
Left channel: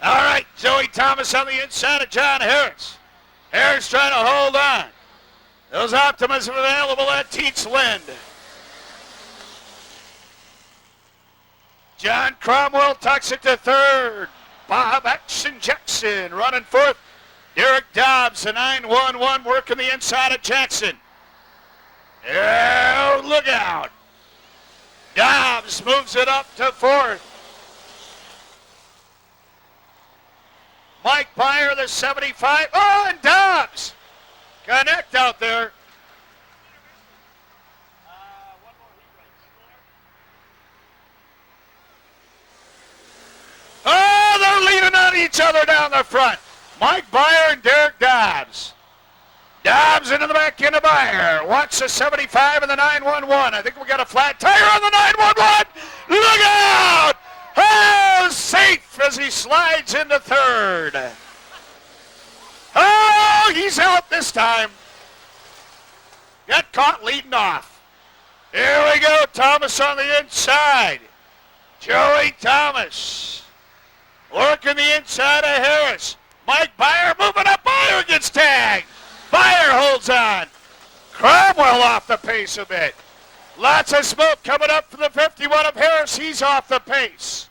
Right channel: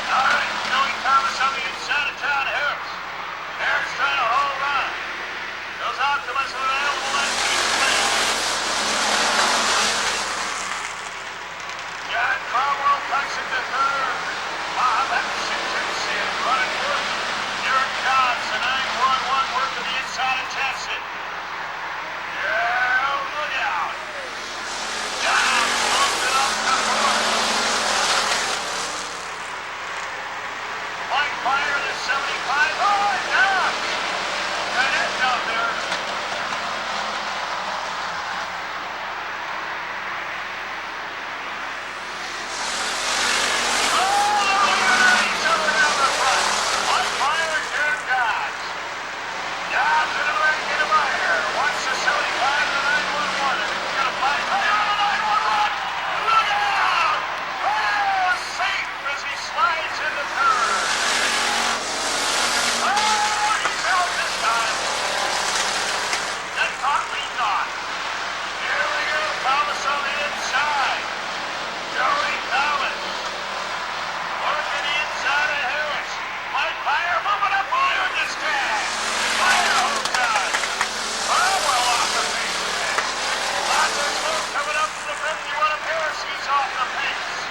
All right, Joey Thomas on the inside of John Harris. Harris trying to hold on. Those optimism available, that team's win. John Cromwell tucks it to third. Action Jackson running fourth. Derek Dobbs, a 9-1-1, working the inside of Jackson. Yeah, look out. Dobbs moves it up to fourth. Mike Byer, the 75. Oh, and Dobbs. Connect out there. Oh, they're leaning on each other down the front. Mike Byer and Derek Dobbs. Dobbs into the back into Byer. Wants a 75 and the 9-1-1. I think we got a flat tire on the 9-1-1. Look out! Oh, safe as he slides into third. Oh, he's out this time. Got caught leading off. Here we go, Thomas on the inside. Joey Thomas. Working the inside of Harris. Mike Byer moving up. Byer gets tagged. Byer holds on. Cromwell off the pace a bit. Lots of smoke coming up from the 51 of Harris. He's off the pace.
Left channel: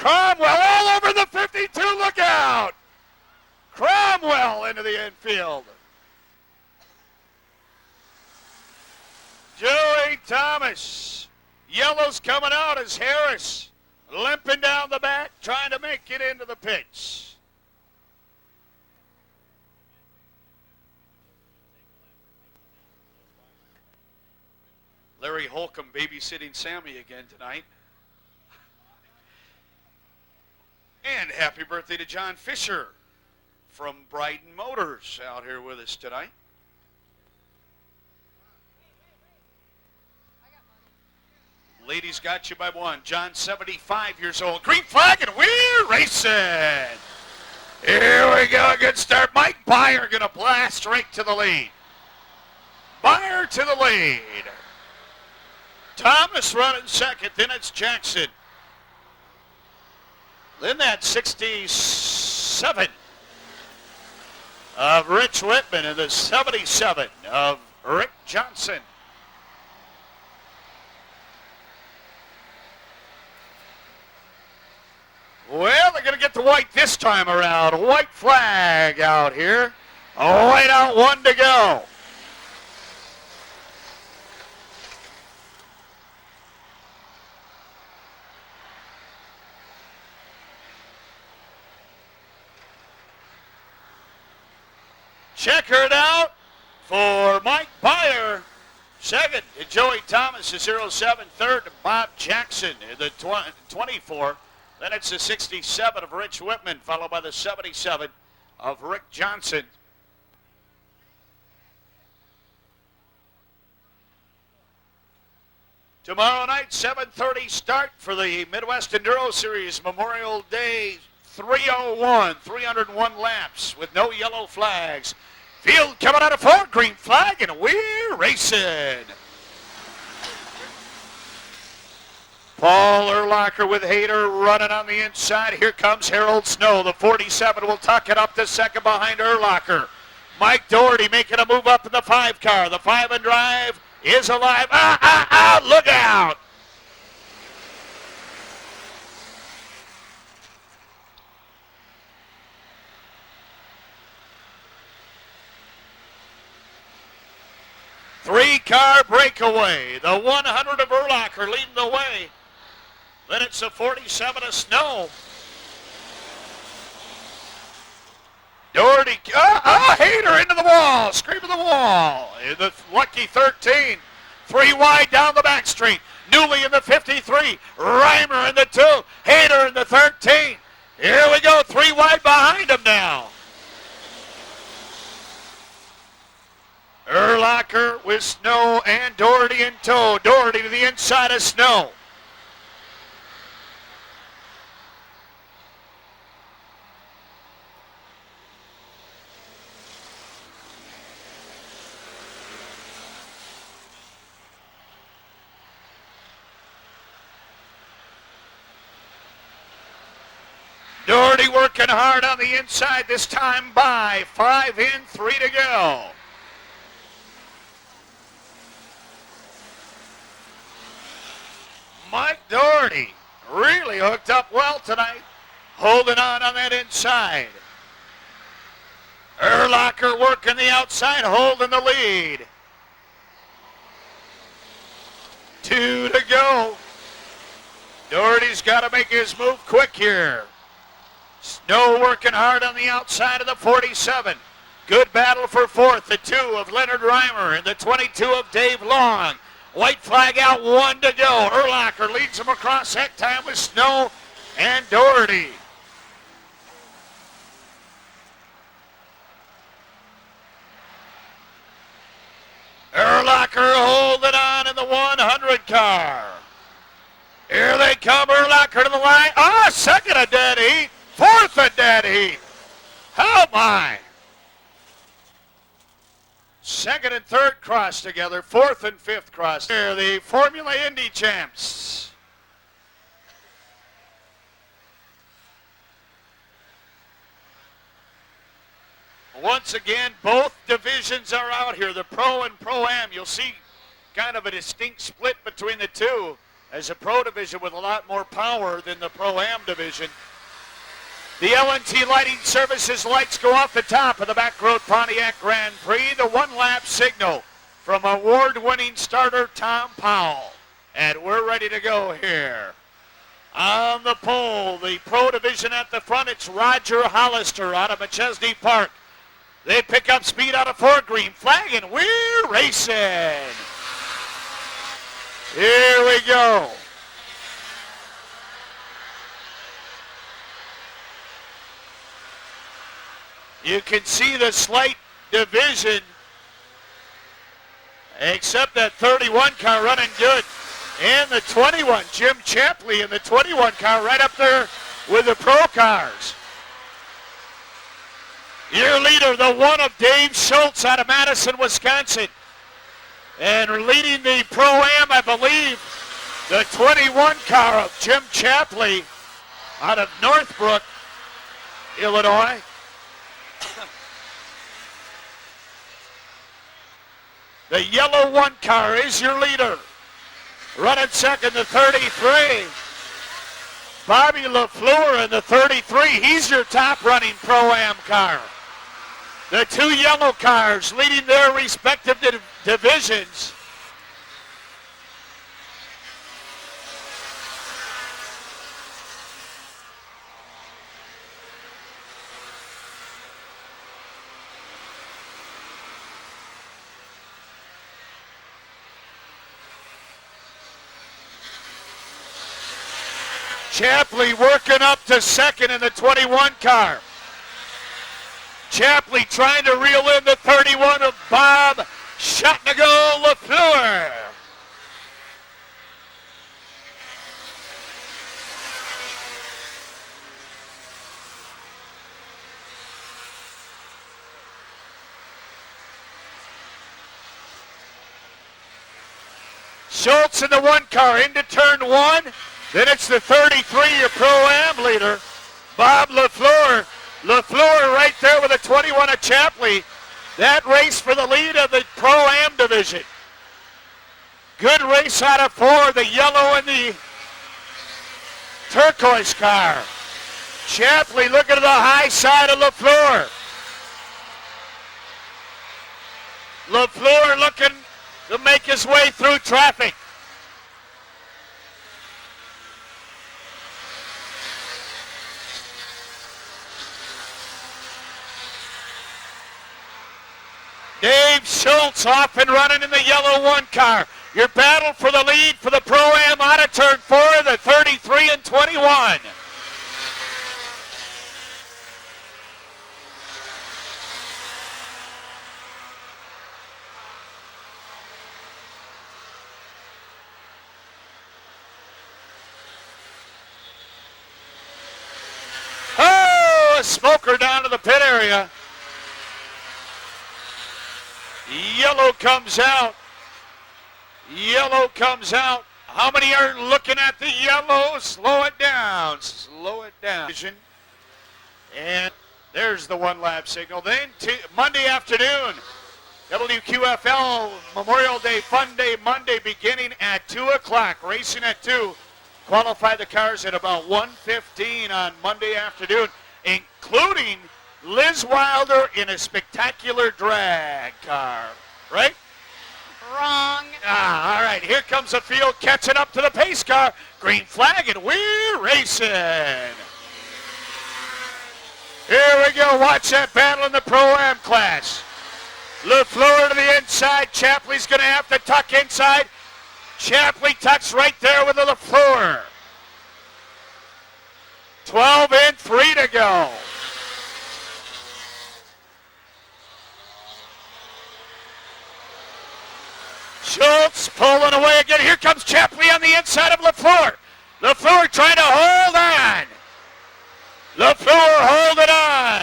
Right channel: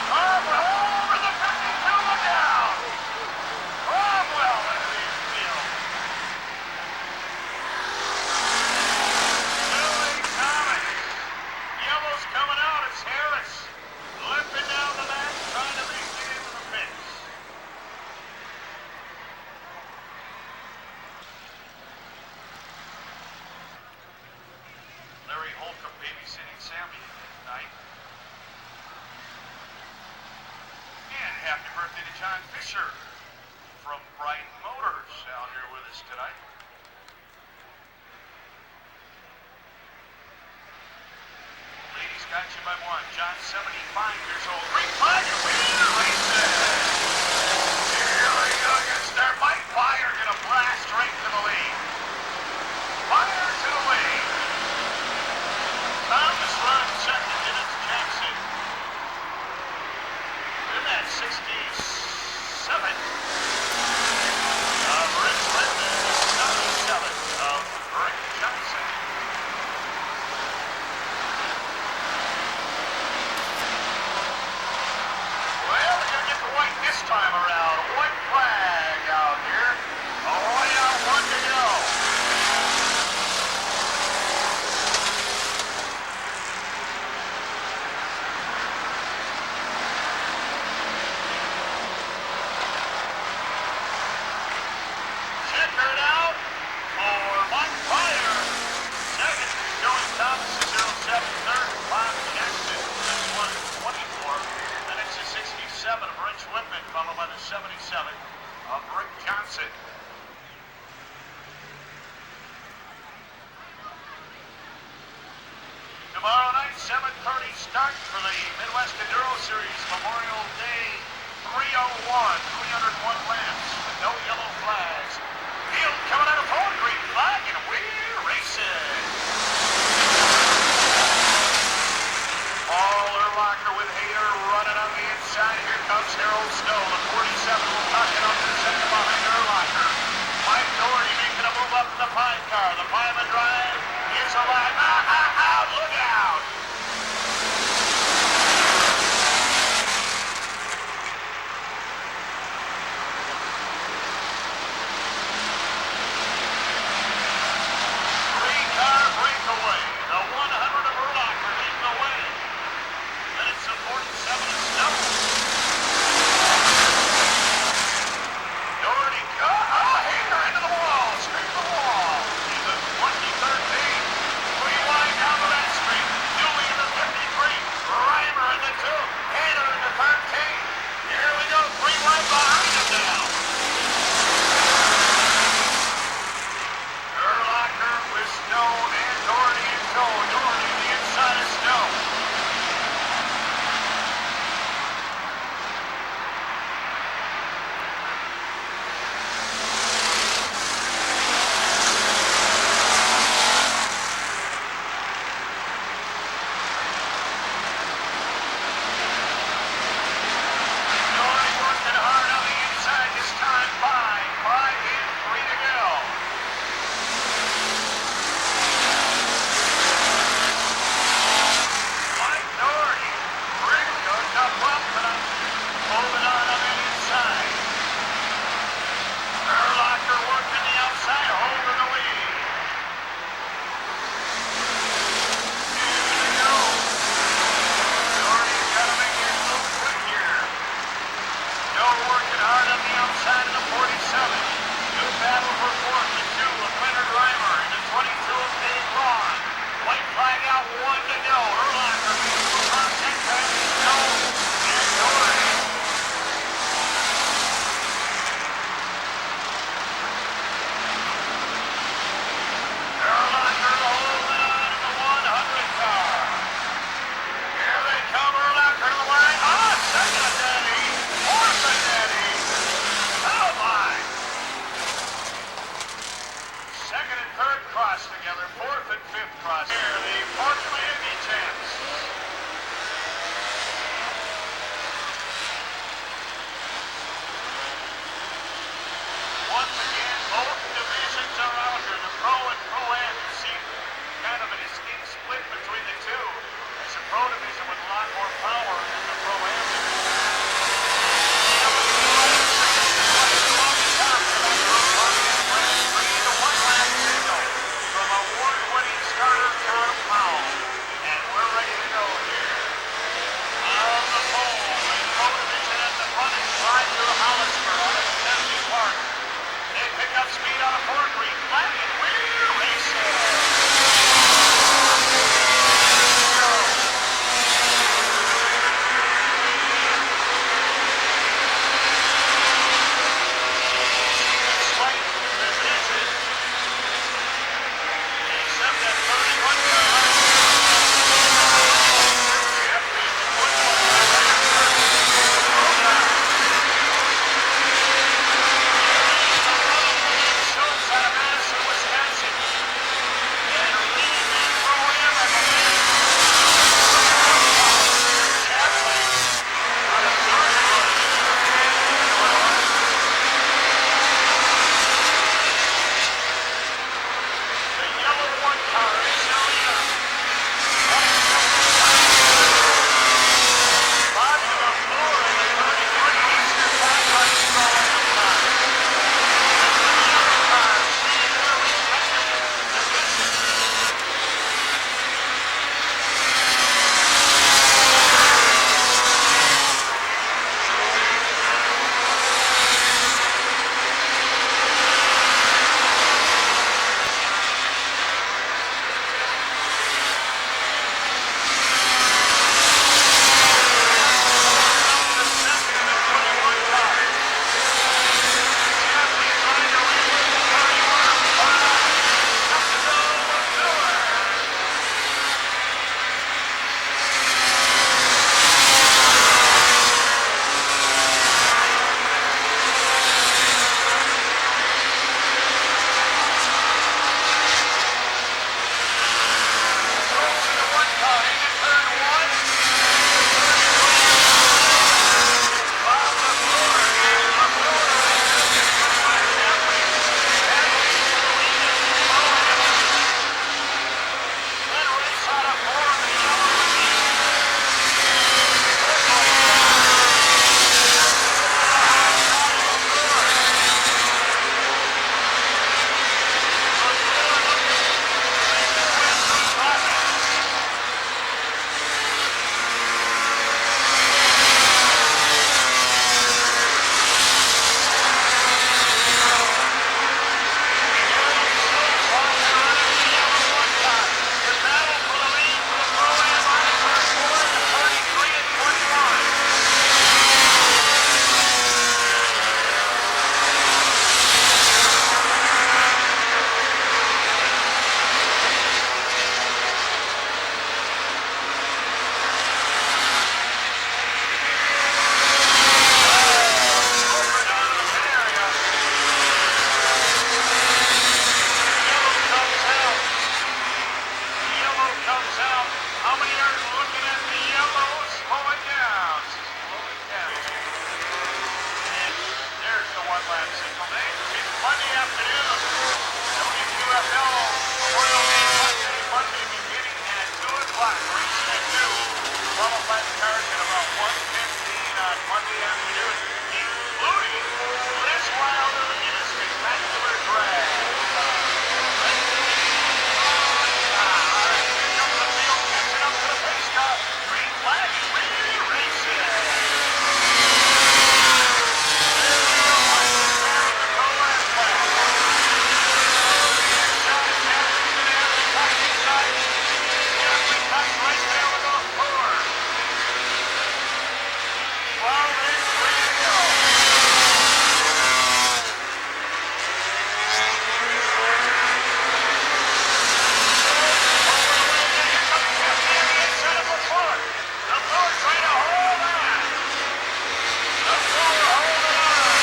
Cromwell all over the 52. Look out. Cromwell into the infield. Joey Thomas. Yellow's coming out as Harris limping down the back, trying to make it into the pits. Larry Holcomb babysitting Sammy again tonight. And happy birthday to John Fisher from Brighton Motors out here with us tonight. Ladies got you by one. John, 75 years old. Green flag and we're racing. Here we go. Good start. Mike Byer going to blast right to the lead. Byer to the lead. Thomas running second. Then it's Jackson. Then that 67 of Rich Whitman and the 77 of Rick Johnson. Well, we're going to get the white this time around. White flag out here. White out, one to go. Checkered out for Mike Byer. Second to Joey Thomas, the 07. Third, Bob Jackson, the 24. Then it's the 67 of Rich Whitman, followed by the 77 of Rick Johnson. Tomorrow night, 7:30 start for the Midwest Enduro Series, Memorial Day 301, 301 laps with no yellow flags. Field coming out of front, green flag, and we're racing. Paul Urlacher with Hayter running on the inside. Here comes Harold Snow. The 47 will tuck it up to second behind Urlacher. Mike Doherty making a move up in the 5 car. The 5 and drive is alive. Look out. Three-car breakaway. The 100 of Urlacher leading the way. Then it's a 47 of Snow. Doherty, Hayter into the wall, straight to the wall. In the lucky 13. 3 wide down the back street. Newley in the 53. Reimer in the 2. Hayter in the 13. Here we go, 3 wide behind him now. Urlacher with Snow and Doherty in tow. Doherty to the inside of Snow. Doherty working hard on the inside this time by 5 in, 3 to go. really hooked up well tonight. Holding on that inside. Urlacher working the outside, holding the lead. 2 to go. Doherty's got to make his move quick here. Snow working hard on the outside of the 47. Good battle for fourth, the 2 of Leonard Reimer and the 22 of Dave Long. White flag out, 1 to go. Urlacher leads him across center to Snow and Doherty. Urlacher holding on in the 100 car. Here they come, Urlacher to the line. Second of dead heat, fourth of dead heat. Oh my. Second and third cross together, fourth and fifth cross. Here, the Formula Indy champs. Once again, both divisions are out here, the Pro and Pro-Am. You'll see kind of a distinct split between the two, as the Pro division with a lot more power than the Pro-Am division. The L&T Lighting Services lights go off the top of the back road Pontiac Grand Prix. The one-lap signal from award-winning starter Tom Powell. And we're ready to go here. On the pole, the Pro division at the front, it's Roger Hollister out of McChesney Park. They pick up speed out of Fort Greene. Flag and we're racing. Here we go. You can see the slight division, except that 31 car running good. And the 21, Jim Chapley in the 21 car right up there with the Pro car. Your leader, the 1 of Dave Schultz out of Madison, Wisconsin. And leading the Pro-Am, I believe, the 21 car, Jim Chapley out of Northbrook, Illinois. The yellow 1 car is your leader. Running second, the 33. Bobby LaFleur in the 33. He's your top running Pro-Am car. The 2 yellow cars leading their respective divisions. Working up to second in the 21 car. Chapley trying to reel in the 31 of Bob Shotnago LaFleur. Schultz in the 1 car into turn 1. Then it's the 33, your Pro-Am leader, Bob LaFleur. LaFleur right there with the 21 of Chapley. That race for the lead of the Pro-Am division. Good race out of 4, the yellow and the turquoise car. Chapley looking to the high side of LaFleur. LaFleur looking to make his way through traffic. Dave Schultz off and running in the yellow 1 car. Your battle for the lead for the Pro-Am out of turn 4, the 33 and 21. Oh, smoker down to the pit area. Yellow comes out. Yellow comes out. How many are looking at the yellow? Slow it down. Slow it down. And there's the 1-lap signal. Then Monday afternoon, WQFL Memorial Day Monday beginning at 2 o'clock. Racing at 2. qualify the cars at about 1:15 on Monday afternoon, including Liz Wilder in a spectacular drag. Right? All right, here comes the field catching up to the pace car. Green flag, and we're racing. Here we go, watch that battle in the Pro-Am class. LeFleur to the inside, Chapley's going to have to tuck inside. Chapley tucks right there with the LeFleur. 12 in, 3 to go. Looks pulling away again. Here comes Chapley on the inside of LeFleur. LeFleur trying to hold on. LeFleur holding on.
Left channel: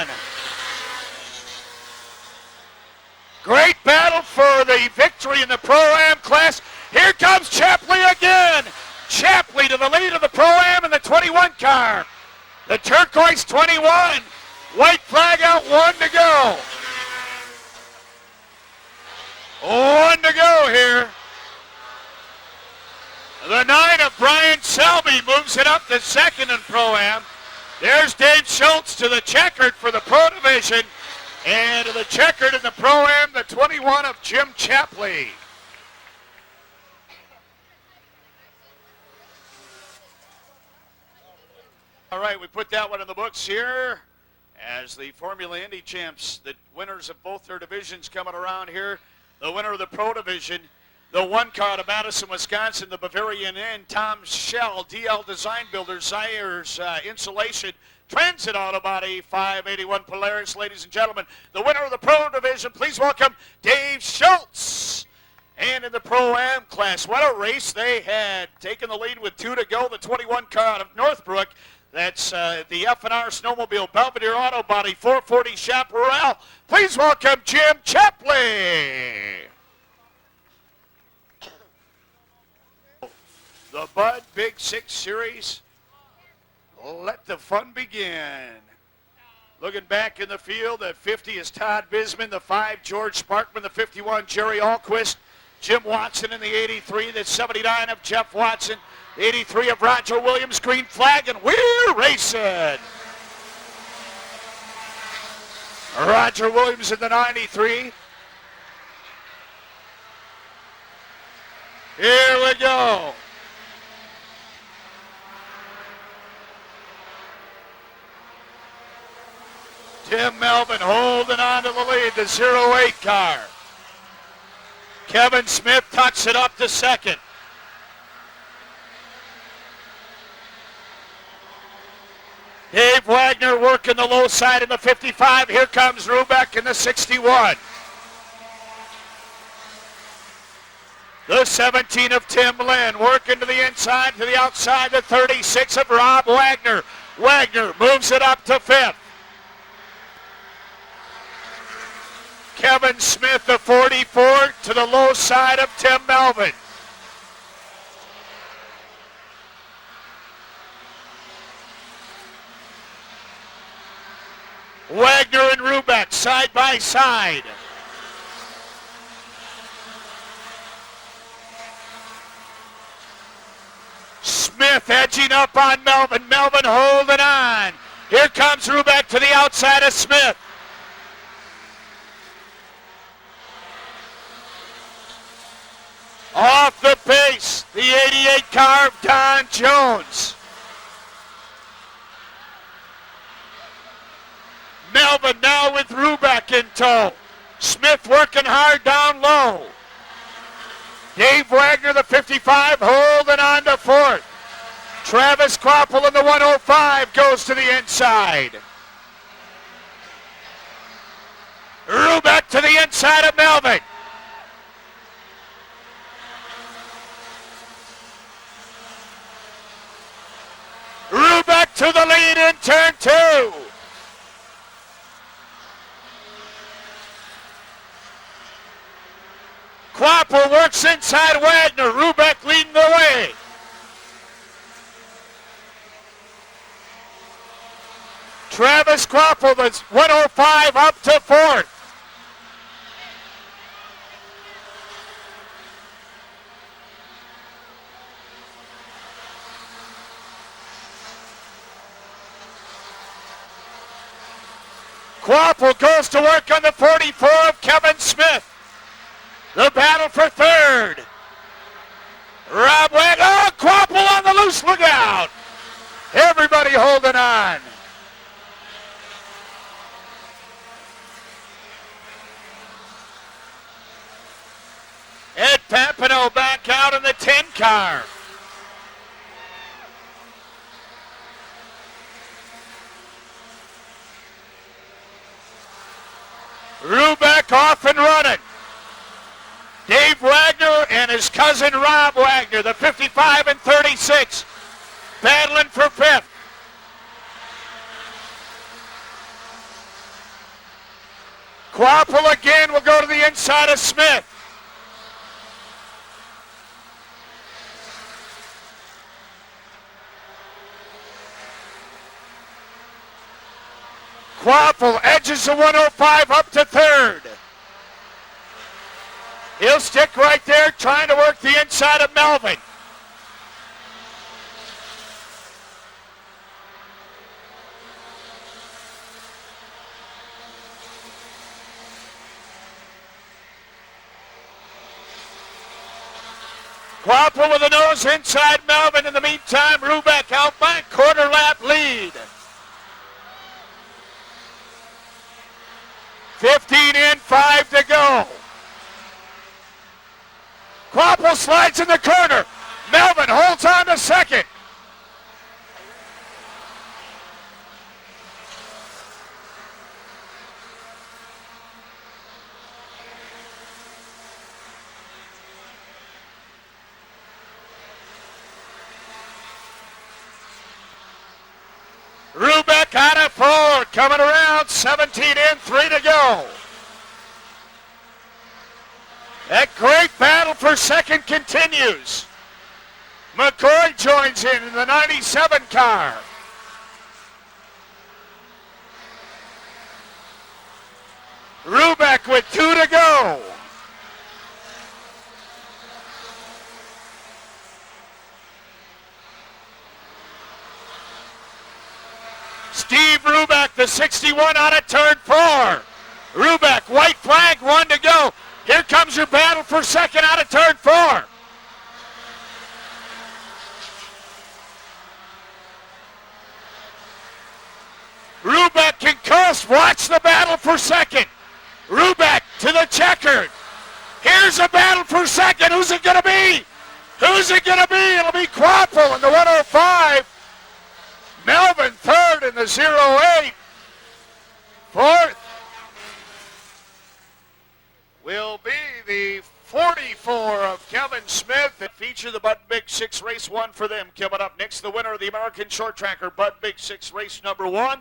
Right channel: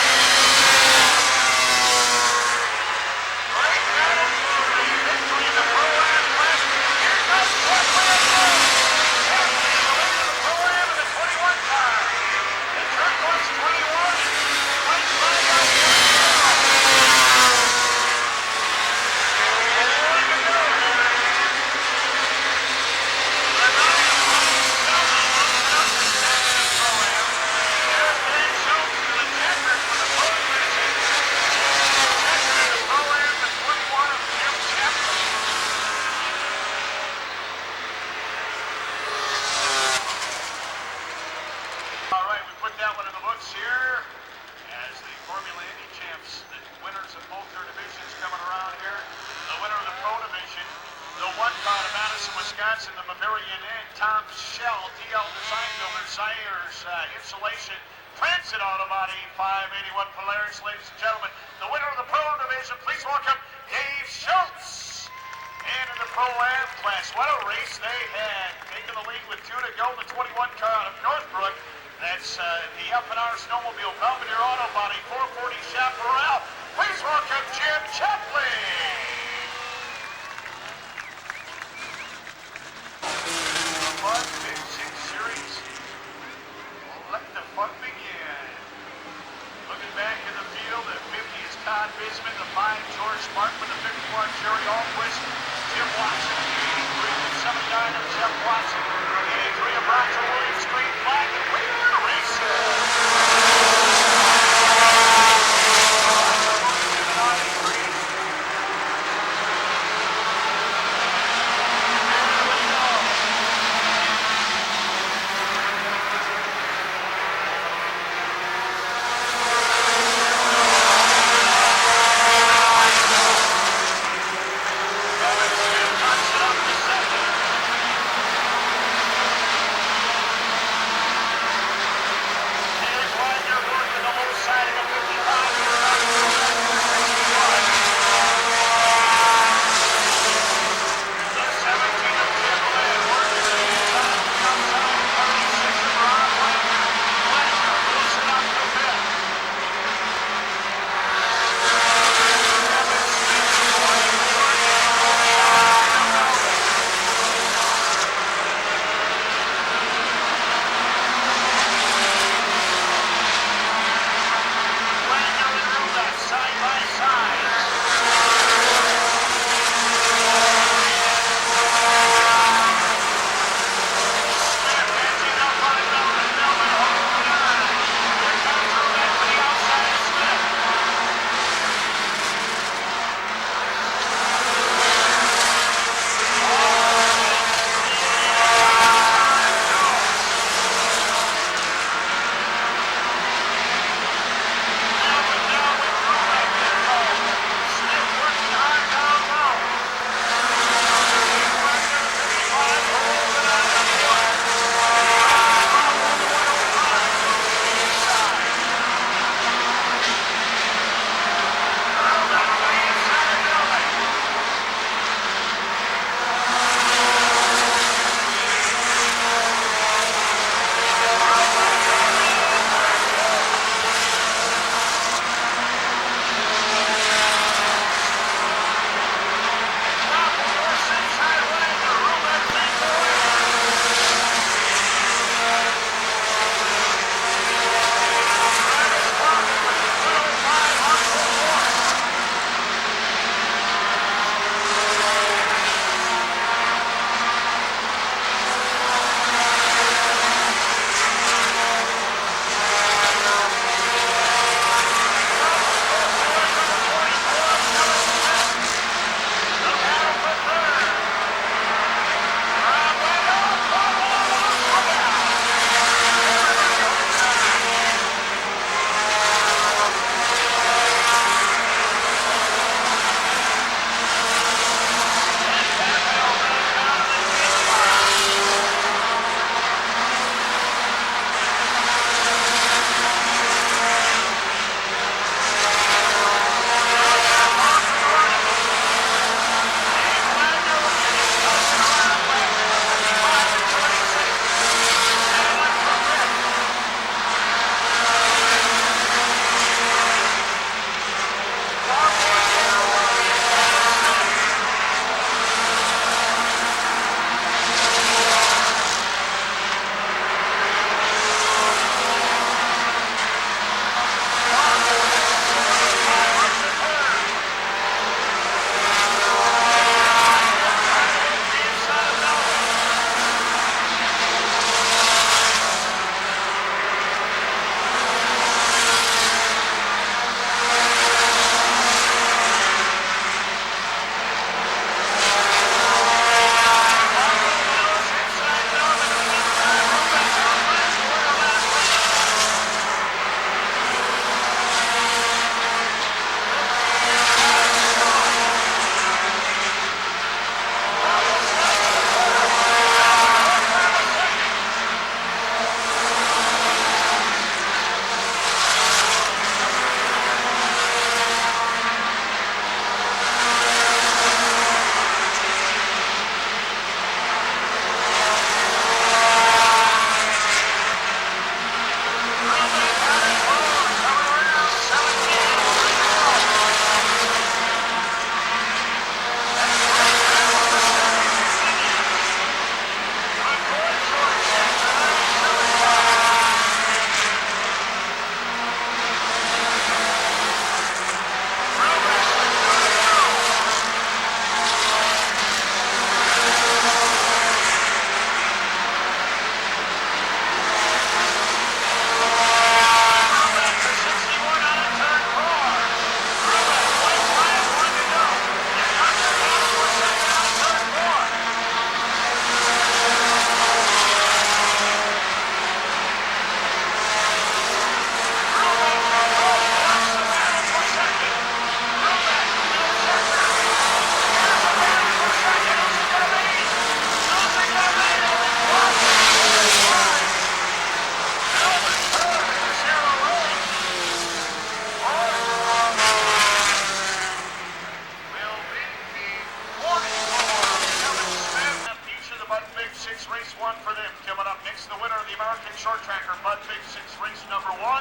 Great battle for the victory in the Pro-Am class. Here comes Chapley again. Chapley to the lead of the Pro-Am in the 21 car. The turquoise 21. White flag out, 1 to go. 1 to go here. The 9 of Brian Selby moves it up to second in Pro-Am. There's Dave Schultz to the checkered for the Pro Division. And to the checkered in the Pro-Am, the 21 of Jim Chapley. All right, we put that one in the books here as the Formula Indy champs, the winners of both their divisions coming around here. The winner of the Pro Division, the 1 car to Madison, Wisconsin, the Bavarian Inn, Tom Schell, DL Design Builders, Zayers Insulation, Transit Auto Body, 581 Polaris. Ladies and gentlemen, the winner of the Pro Division, please welcome Dave Schultz. And in the Pro-Am class, what a race they had. Taking the lead with 2 to go, the 21 car out of Northbrook. That's the F&R Snowmobile Belvedere Auto Body, 440 Chaparral. Please welcome Jim Chapley. The Bud Big 6 Series. Let the fun begin. Looking back in the field, the 50 is Todd Bisman, the 5 George Sparkman, the 51 Jerry Almquist, Jim Watson in the 83, the 79 of Jeff Watson, 83 of Roger Williams, green flag, and we're racing. Roger Williams in the 93. Here we go. Tim Melvin holding on to the lead, the 08 car. Kevin Smith pucks it up to second. Dave Wagner working the low side of the 55. Here comes Rubeck in the 61. The 17 of Tim Lynn working to the inside, to the outside, the 36 of Rob Wagner. Wagner moves it up to fifth. Kevin Smith, the 44, to the low side of Tim Melvin. Wagner and Rubeck side by side. Smith edging up on Melvin. Melvin holding on. Here comes Rubeck to the outside of Smith. Off the pace, the 88 car, Don Jones. Melvin now with Rubeck in tow. Smith working hard down low. Dave Wagner, the 55, holding on to fourth. Travis Kroppel of the 105 goes to the inside. Rubeck to the inside of Melvin. Rubeck to the lead in turn 2. Kroppel works inside Wagner. Rubeck leading the way. Travis Kroppel with 105 up to fourth. Waffle goes to work on the 44 of Kevin Smith. The battle for third. Rob Webb, oh, Quapple on the loose, look out. Everybody holding on. Ed Papineau back out in the tank car. Rubeck off and running. Dave Wagner and his cousin Rob Wagner, the 55 and 36, battling for fifth. Quapple again will go to the inside of Smith. Quapple edges the 105 up to third. He'll stick right there trying to work the inside of Melvin. Quapple with the nose inside Melvin. In the meantime, Rubeck out back, corner lap lead. 15 in, 5 to go. Quapple slides in the corner. Melvin holds on to second. Rubeck on it forward, coming around, 17 in, 3 to go. That great battle for second continues. McCoy joins in the 97 car. Rubeck with 2 to go. Steve Rubeck, the 61 out of turn 4. Rubeck, white flag, 1 to go. Here comes your battle for second out of turn 4. Rubeck can coast. Watch the battle for second. Rubeck to the checker. Here's a battle for second. Who's it going to be? Who's it going to be? It'll be Quapple in the 105. Melvin third in the 08. Fourth will be the 44 of Kevin Smith. And feature the Bud Big 6 race 1 for them. Coming up next, the winner of the American Short Tracker Bud Big 6 race number 1.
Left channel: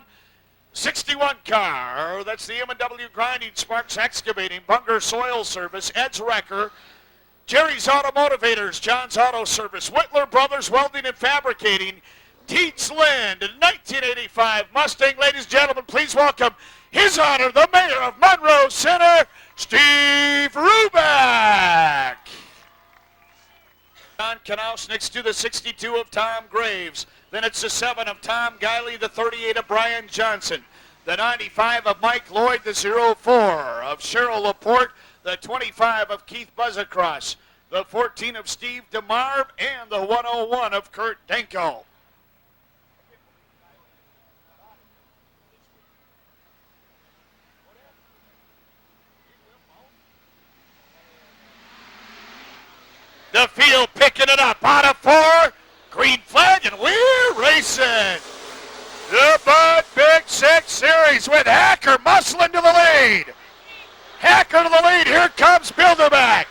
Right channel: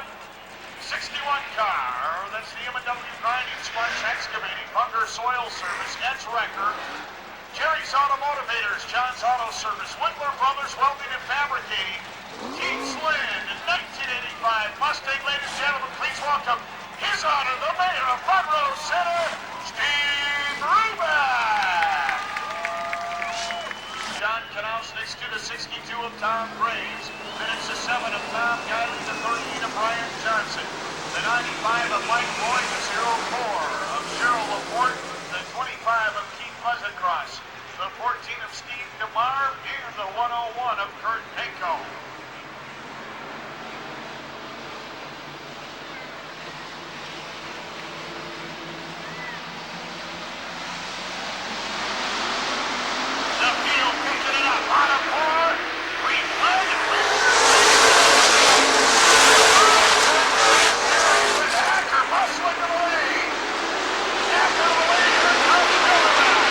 61 car. That's the M&W Grinding, Sparks Excavating, Butler Soil Service, Ed's Wrecker, Jerry's Auto Motivators, John's Auto Service, Whitler Brothers Welding and Fabricating, Teats Land, 1985 Mustang. Ladies and gentlemen, please welcome His Honor, the Mayor of Monroe Center, Steve Rubeck. Don Knaus next to the 62 of Tom Graves. Then it's the 7 of Tom Guiley, the 38 of Brian Johnson, the 95 of Mike Lloyd, the 04 of Cheryl Laporte, the 25 of Keith Buzzacross, the 14 of Steve DeMar, and the 101 of Kurt Denko. The field picking it up. On a 4. Green flag and we're racing. The Bud Big 6 Series with Hacker muscling to the lead. Hacker to the lead. Here comes Bilderback.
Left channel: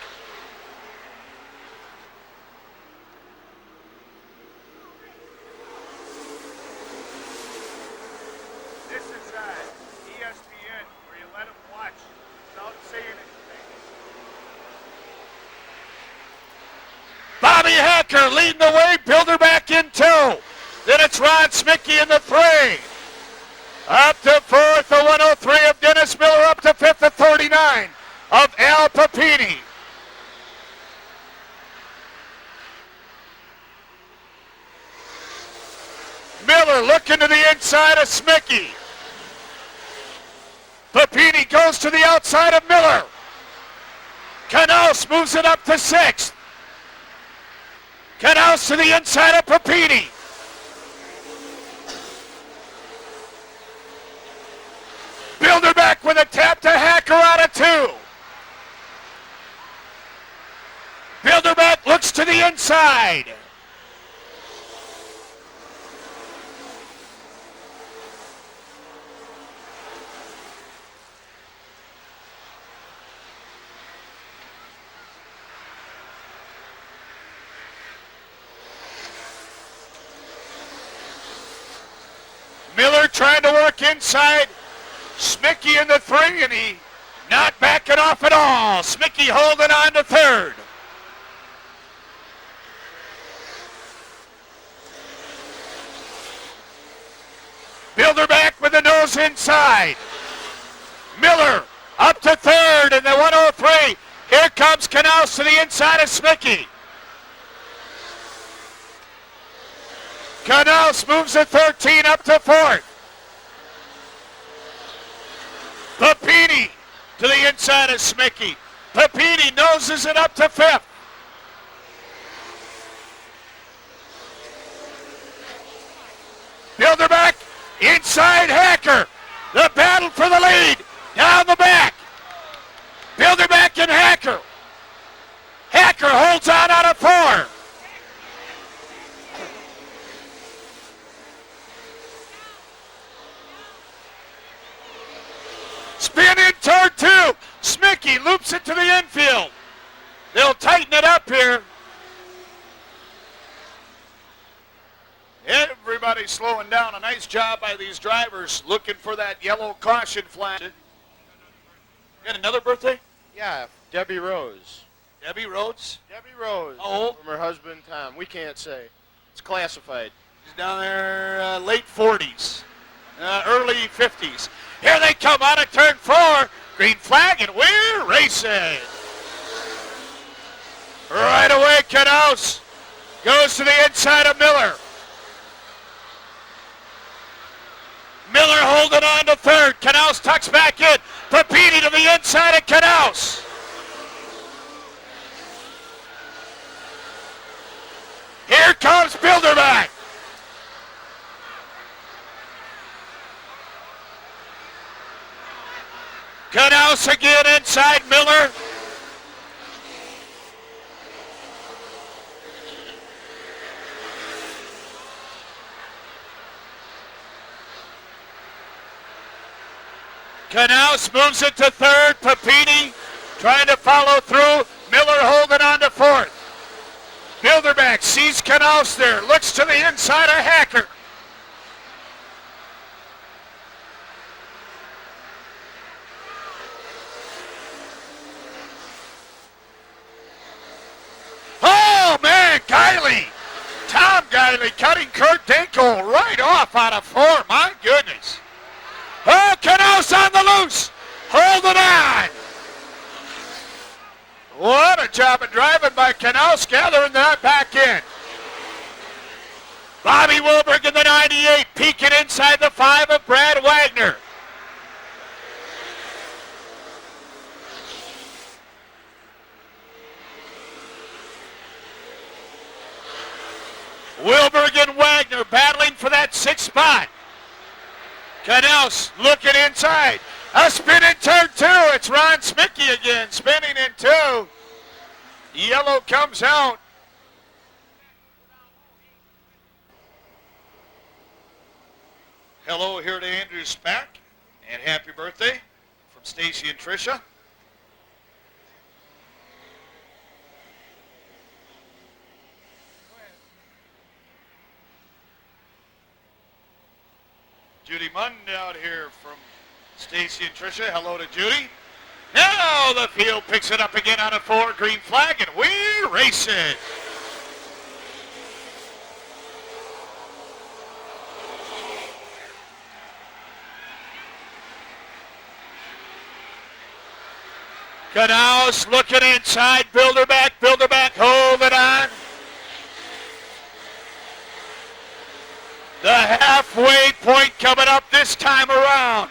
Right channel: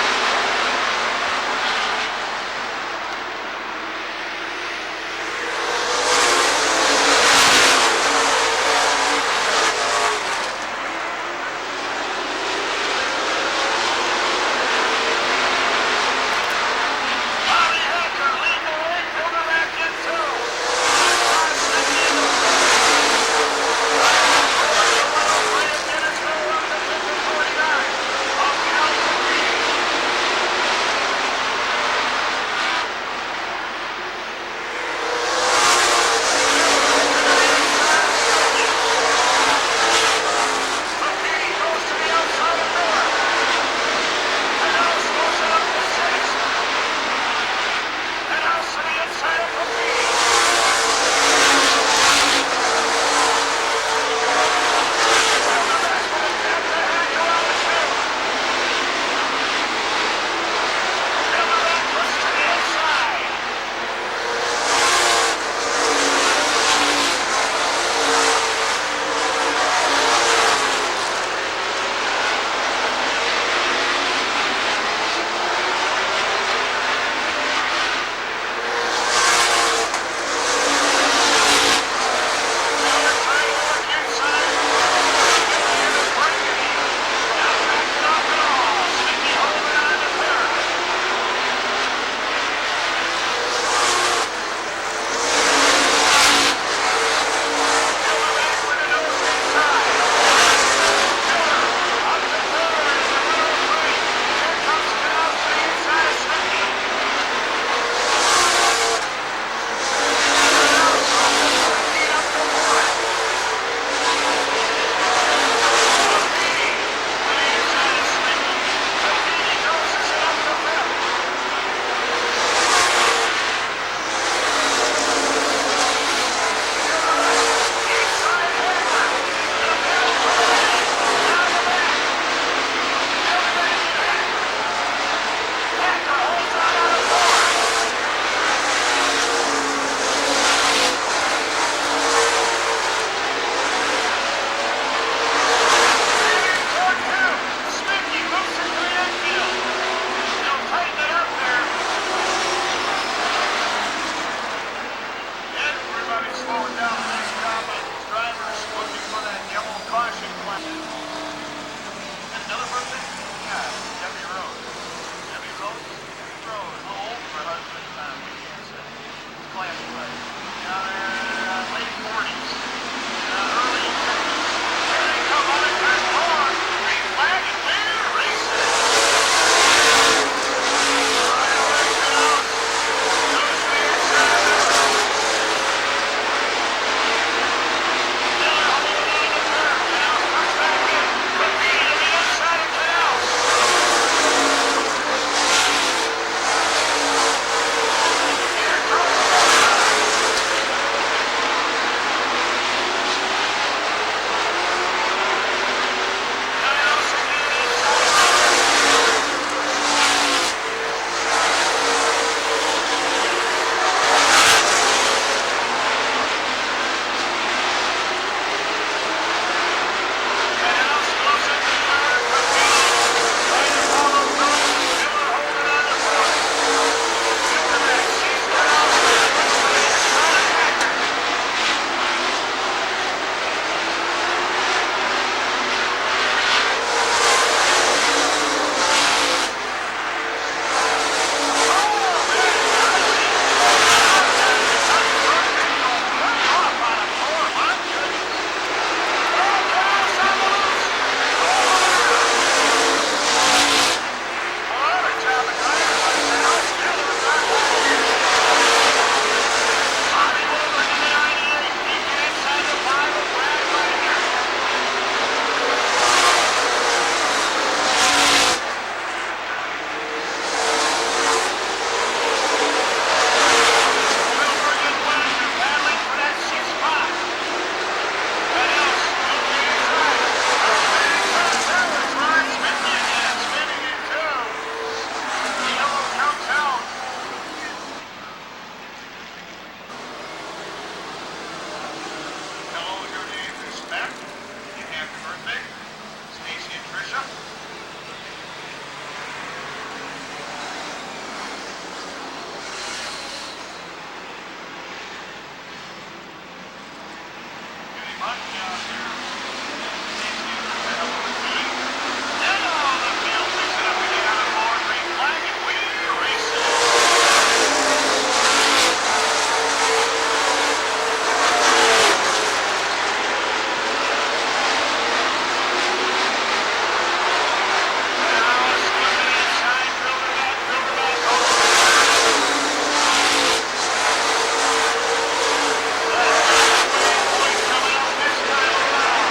Bobby Hacker leading the way, Bilderback in 2. Then it's Ron Smitke in the 3. Up to 4th, the 103 of Dennis Miller, up to 5th, the 39 of Al Papini. Miller looking to the inside of Smitke. Papini goes to the outside of Miller. Canals moves it up to 6th. Canals to the inside of Papini. Bilderback with a tap to Hacker out of 2. Bilderback looks to the inside. Miller trying to work inside. Smicky in the front, and he not backing off at all. Smicky holding on to 3rd. Bilderback with the nose inside. Miller up to 3rd in the 103. Here comes Canals to the inside of Smicky. Canals moves to 13 up to 4th. Papini to the inside of Smicky. Papini noses it up to 5th. Bilderback inside Hacker. The battle for the lead. Now the back. Bilderback and Hacker. Hacker holds on a 4. Spinning turn 2. Smicky loops into the infield. They'll tighten it up here. Everybody slowing down. Nice job by these drivers looking for that yellow caution flag. And another birthday? Yeah, Debbie Rose. Debbie Rhodes? Rose. Oh, Her husband, we can't say. It's classified. down there, late 40s, early 50s. Here they come out of turn 4. Green flag, and we're racing. Right away, Canals goes to the inside of Miller. Miller holding on to 3rd. Canals tucks back in. Papini to the inside of Canals. Here comes Bilderback. Canals again inside Miller. Canals moves it to 3rd. Papini trying to follow through. Miller holding on to 4th. Bilderback sees Canals there. Looks to the inside of Hacker. Oh, man, Kylie. Now got to be cutting Kurt Dinko right off out of 4. My goodness. Oh, Canals on the loose. Hold it on. What a job of driving by Canals, gathering that back in. Bobby Wilbur to the 98, peeking inside the 5 of Brad Wagner. Wilbur and Wagner battling for that 6th spot. Canals looking inside. A spin in turn 2. It's Ron Smicky again, spinning in 2. Yellow comes out. Hello here to Andrew Smack. And happy birthday, Stacy and Tricia. Judy Munt down here. Stacy and Tricia, hello to Judy. Now the field picks it up again on a 4 green flag, and we're racing. Canals looking inside, Bilderback holding on. The halfway point coming up this time around.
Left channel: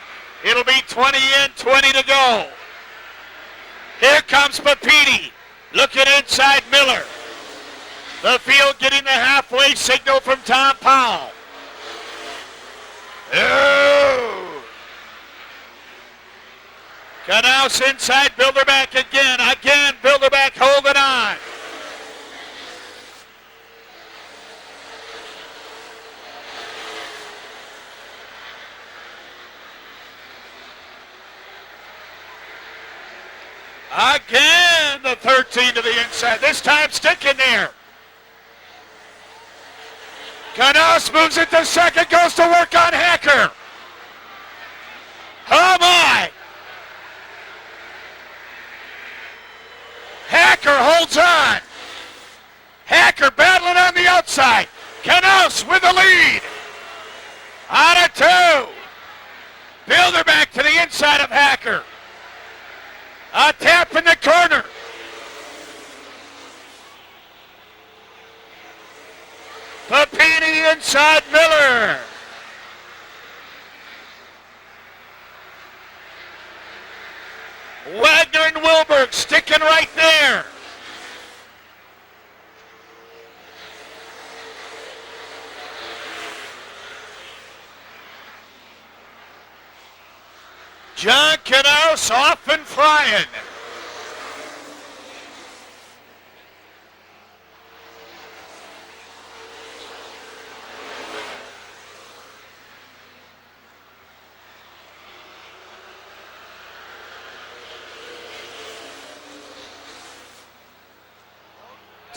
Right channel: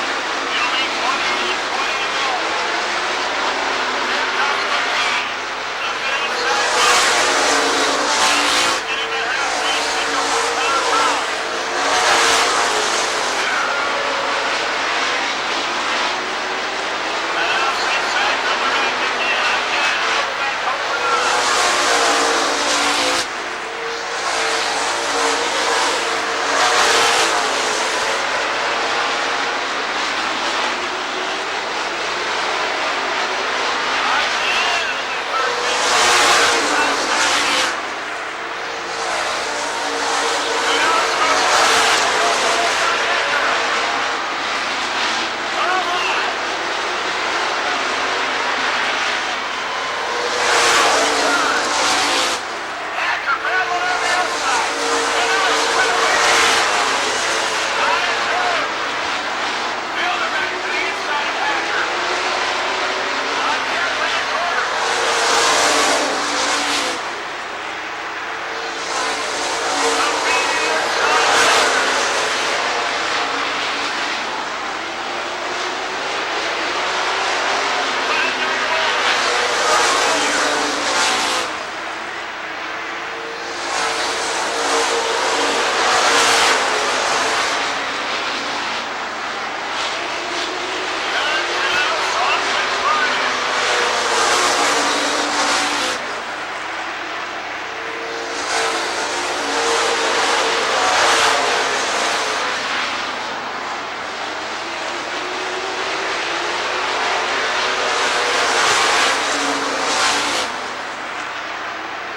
It'll be 20 in, 20 to go. Here comes Papini. Looking inside Miller. The field getting the halfway signal from Tom Powell. No. Knaus inside, Bilderback again. Again, Bilderback holding on. Again, the 13 to the inside. This time Stinson here. Knaus moves it to second, goes to work on Hacker. Oh my! Hacker holds on. Hacker battling on the outside. Knaus with the lead. Out of two. Bilderback to the inside of Hacker. A tap in the corner. Papini inside Miller. Wagner and Wilbur sticking right there. John Knaus off and flying.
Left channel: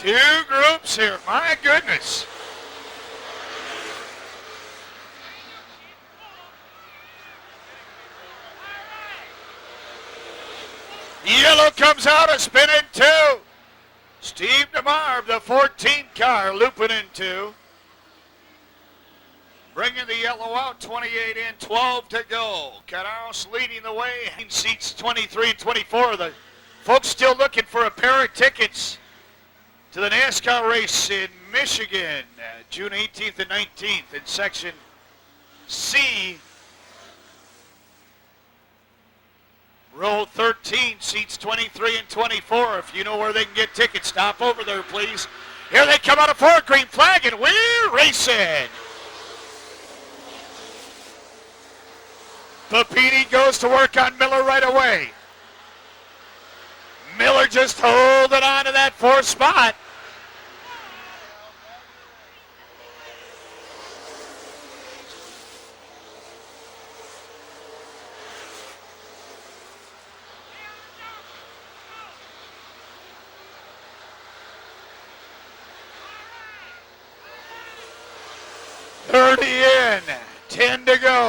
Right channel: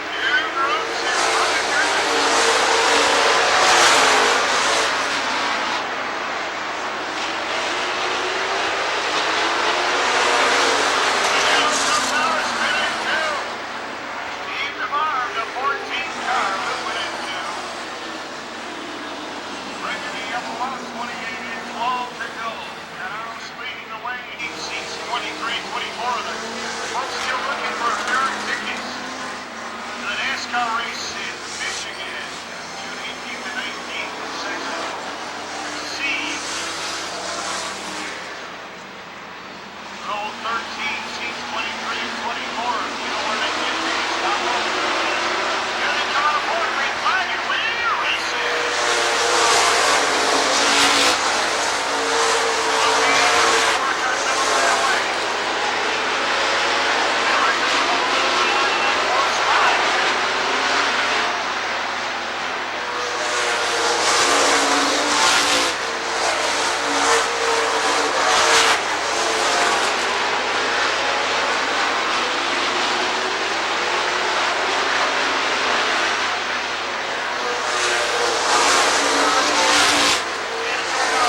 Two groups here, my goodness. Yellow comes out and spinning two. Steve DeMar, the 14th car, looping in two. Bringing the yellow up, 28 in, 12 to go. Knaus leading the way. He seats 23-24. The folks still looking for a pair of tickets to the NASCAR race in Michigan, June 18th and 19th in Section C. Row 13, seats 23 and 24. If you know where they can get tickets, stop over there, please. Here they come out of Fort Creek, flag, and we're racing. Papini goes to work on Miller right away. Miller just holding on to that fourth spot. In, 10 to go.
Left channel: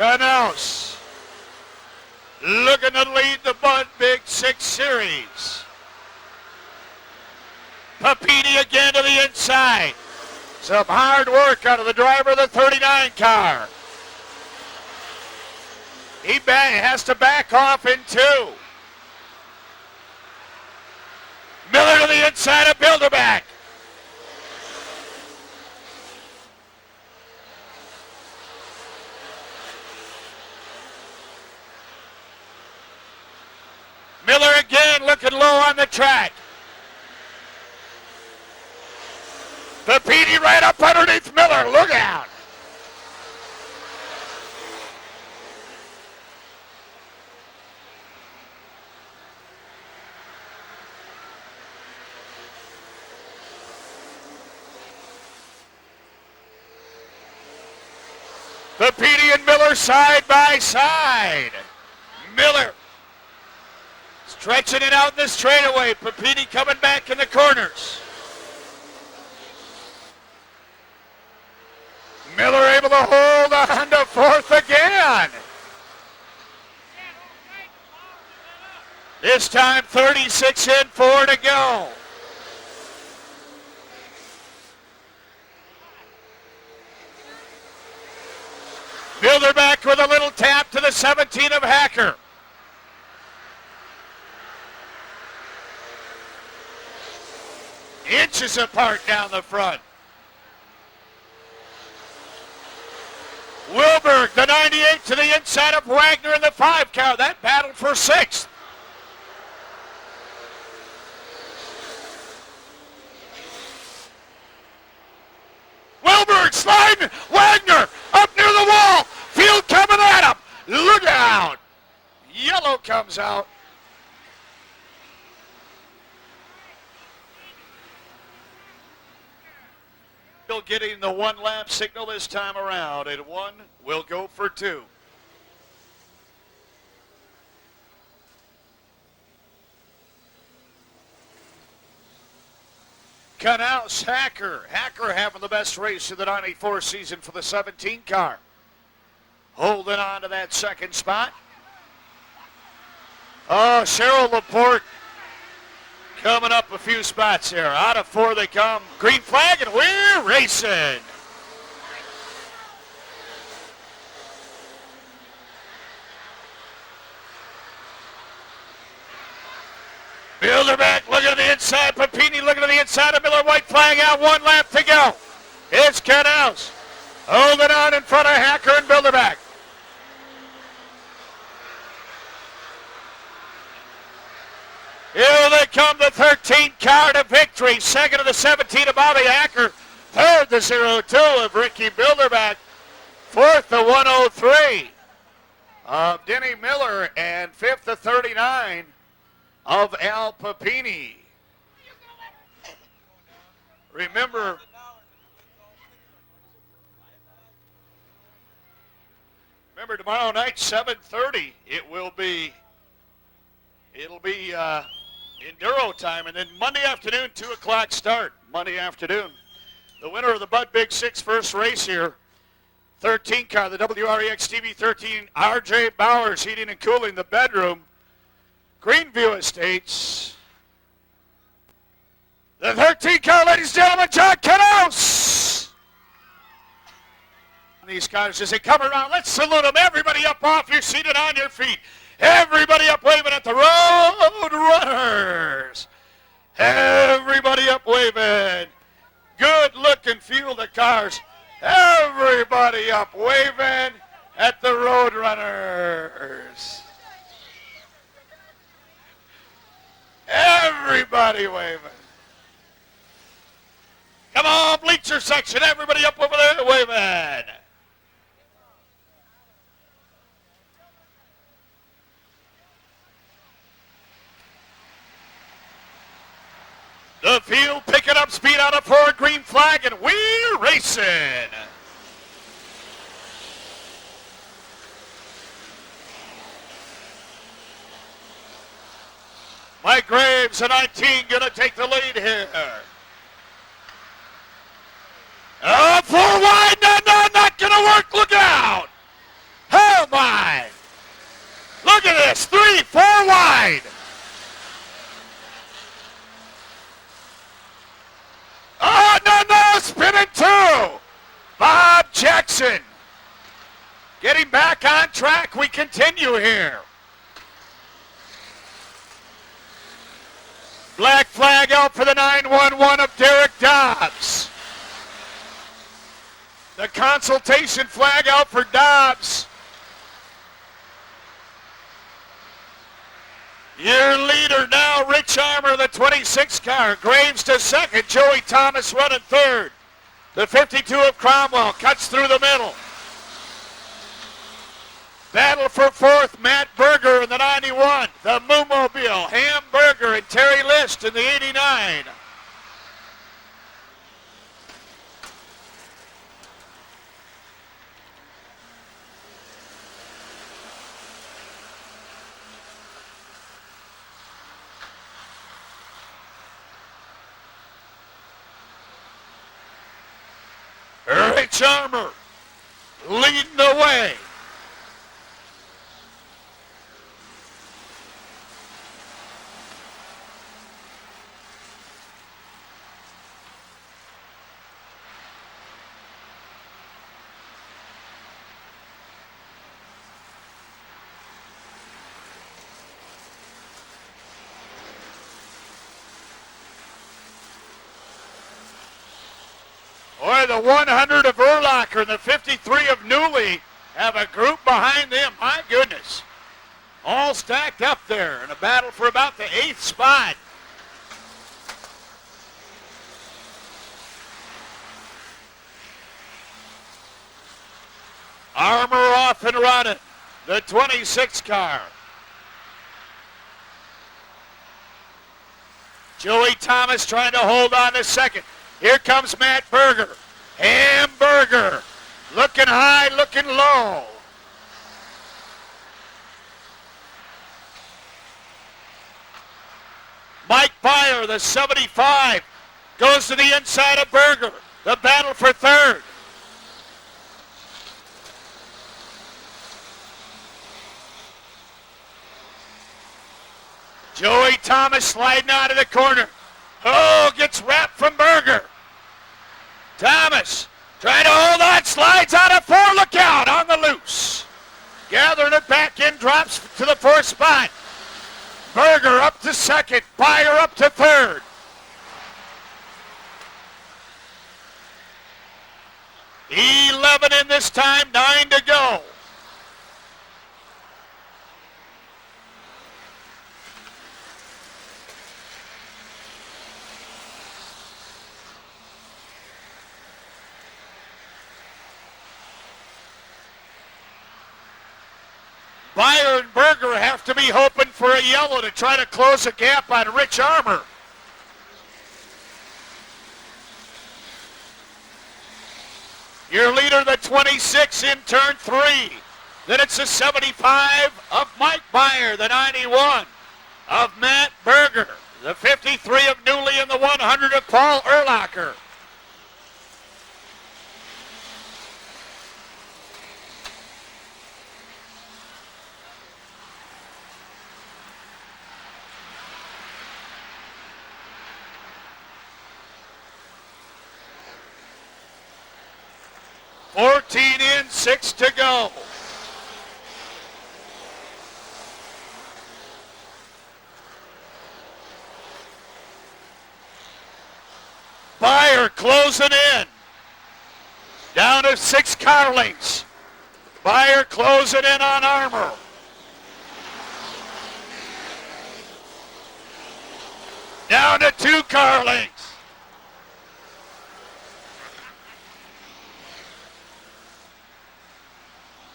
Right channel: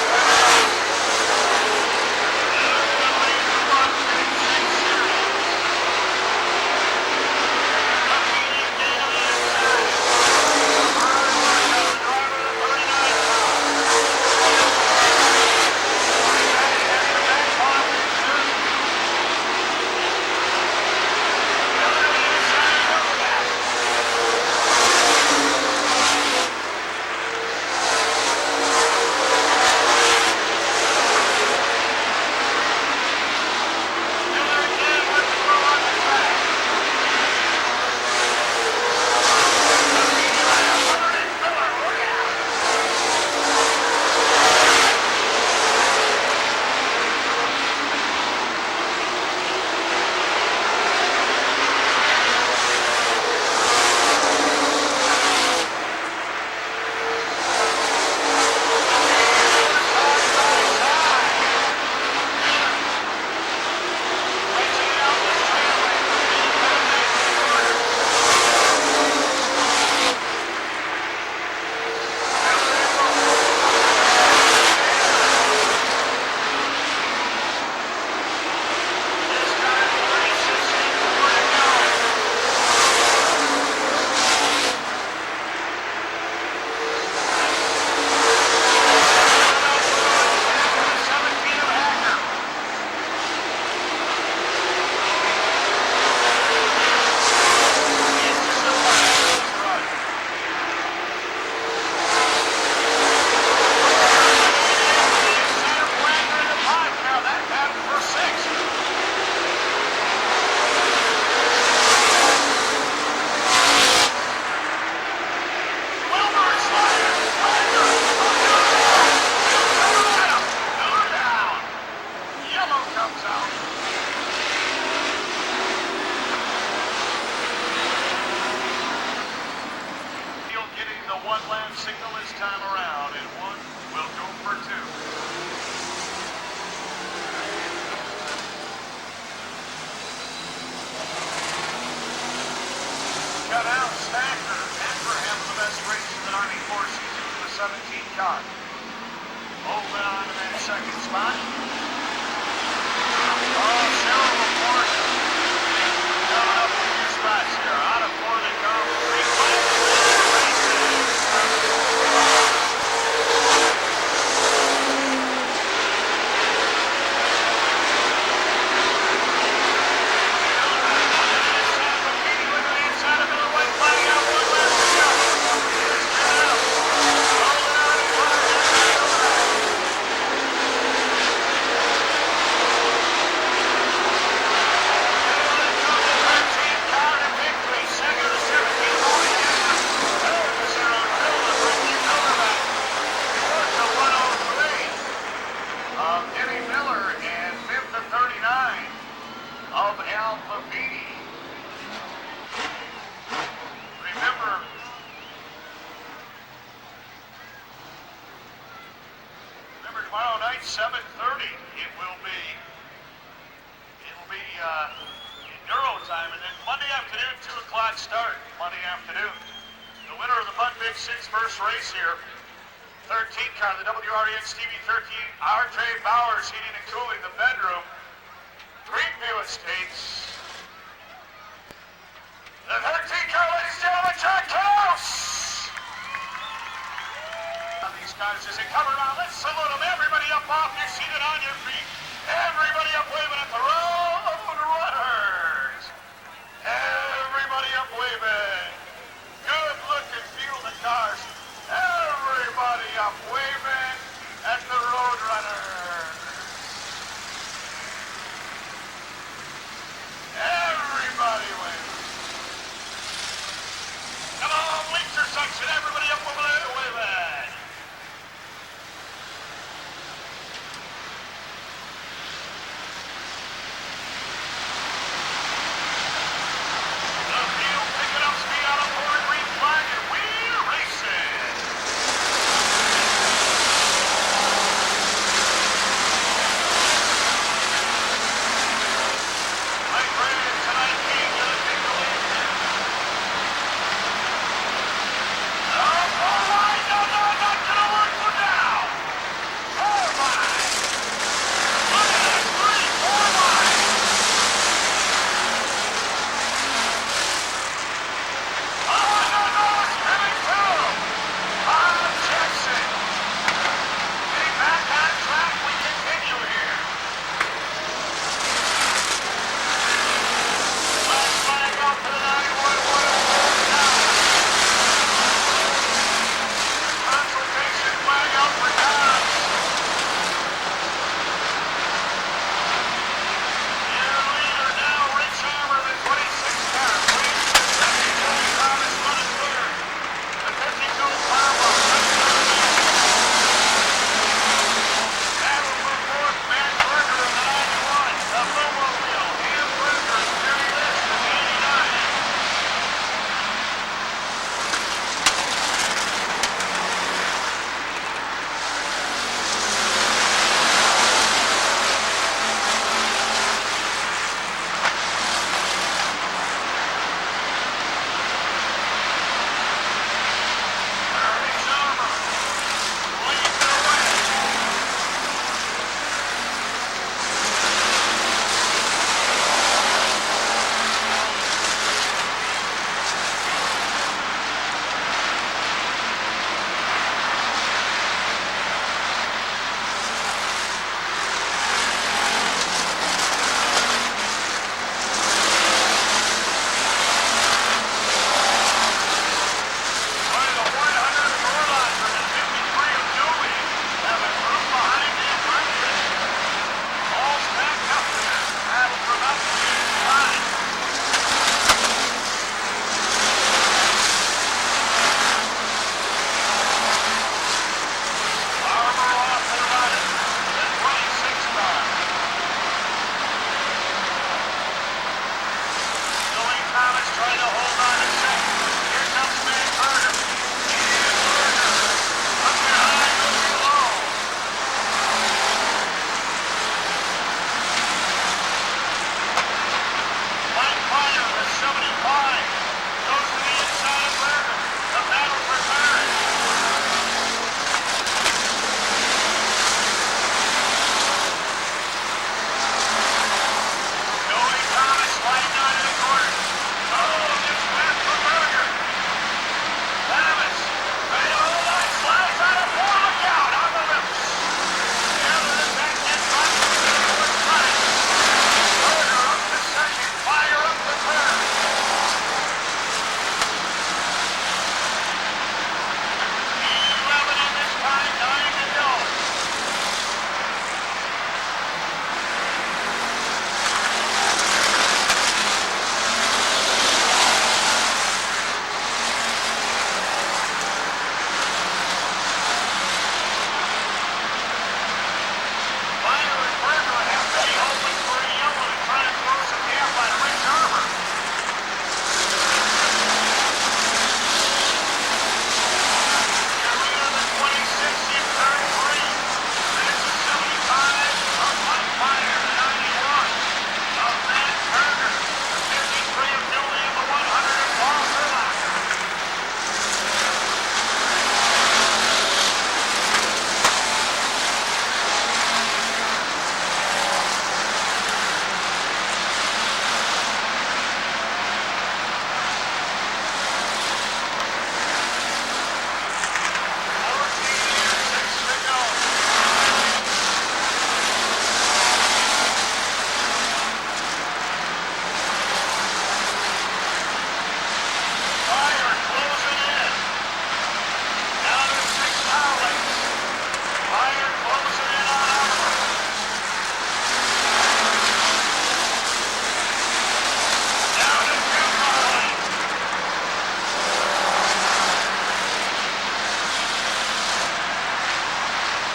Knaus looking to lead the month in 6 series. Papini again to the inside. Some hard work out of the driver of the 39 car. He has to back off in two. Miller to the inside of Bilderback. Miller again looking low on the track. Papini right up underneath Miller. Look out. Papini and Miller side by side. Miller stretching it out the straightaway. Papini coming back to the corner. Miller able to hold on to fourth again. This time 36 in, 4 to go. Bilderback with a little tap to the 17 of Hacker. Inches apart down the front. Wilbur to 98 to the inside of Wagner in the 5 count. That battled for 6th. Wilbur sliding. Wagner up near the wall. Field coming at him. Look out. Yellow comes out. Still getting the 1-lap signal this time around, and 1 will go for 2. Canals, Hacker. Hacker having the best race of the 94 season for the 17 car. Holding on to that second spot. Oh, Cheryl McCourt coming up a few spots here. Out of 4 they come. Green flag, and we're racing. Bilderback looking at the inside. Papini looking at the inside of Miller. White flag out. 1 lap to go. It's Canals. Holding on in front of Hacker and Bilderback. Here they come, the 13th car to victory. Second of the 17 of Bobby Hacker. Third the 02 of Ricky Bilderback. Fourth the 103 of Denny Miller. And fifth the 39 of Al Papini. Remember tomorrow night, 7:30, it'll be Enduro time, and then Monday afternoon, 2 o'clock start, Monday afternoon. The winner of the Bud Big 6 first race here, 13 car, the WREX TV13, RJ Bowers, heating and cooling the bedroom, Greenview Estates. The 13 car, ladies and gentlemen, John Canals. These guys, as they come around, let's salute them. Everybody up off your seat and on your feet. Everybody up waving at the road runners. Everybody up waving. Good looking few of the cars. Everybody up waving at the road runners. Everybody waving. Come on, bleacher section. Everybody up over there waving. The field picking up speed on a 4 green flag, and we're racing. Mike Graves, a 19, gonna take the lead here. 4 wide, no, not gonna work, look out. Oh my. Look at this, 3, 4 wide. Oh, spinning 2. Bob Jackson. Getting back on track. We continue here. Black flag out for the 911 of Derek Dobbs. The consultation flag out for Dobbs. Your leader now, Rich Armour, the 26 car. Graves to second. Joey Thomas running third. The 52 of Cromwell cuts through the middle. Battle for fourth, Matt Berger in the 91. The Blue Mobile, Hamburger and Terry List in the 89. Chalmer leading the way. The 100 of Erlacher, the 53 of Newley, have a group behind him. My goodness. All stacked up there. Battle for about the 8th spot. Armor off and running. The 26 car. Joey Thomas trying to hold on to second. Here comes Matt Berger. And Berger looking high, looking low. Mike Byer, the 75, goes to the inside of Berger. The battle for third. Joey Thomas sliding out of the corner. Oh, gets wrapped from Berger. Thomas trying to hold on, slides out of 4. Look out on the loose. Gathering it back in, drops to the 4th spot. Berger up to second, Byer up to third. .11 in this time, 9 to go. Byer and Berger have to be hoping for a yellow to try to close the gap on Rich Armour. Your leader, the 26 in turn 3. Then it's the 75 of Mike Byer, the 91 of Matt Berger, the 53 of Newley, and the 100 of Paul Erlacher. In, 6 to go. Byer closing in. Down to 6 car lengths. Byer closing in on Armour. Down to 2 car lengths.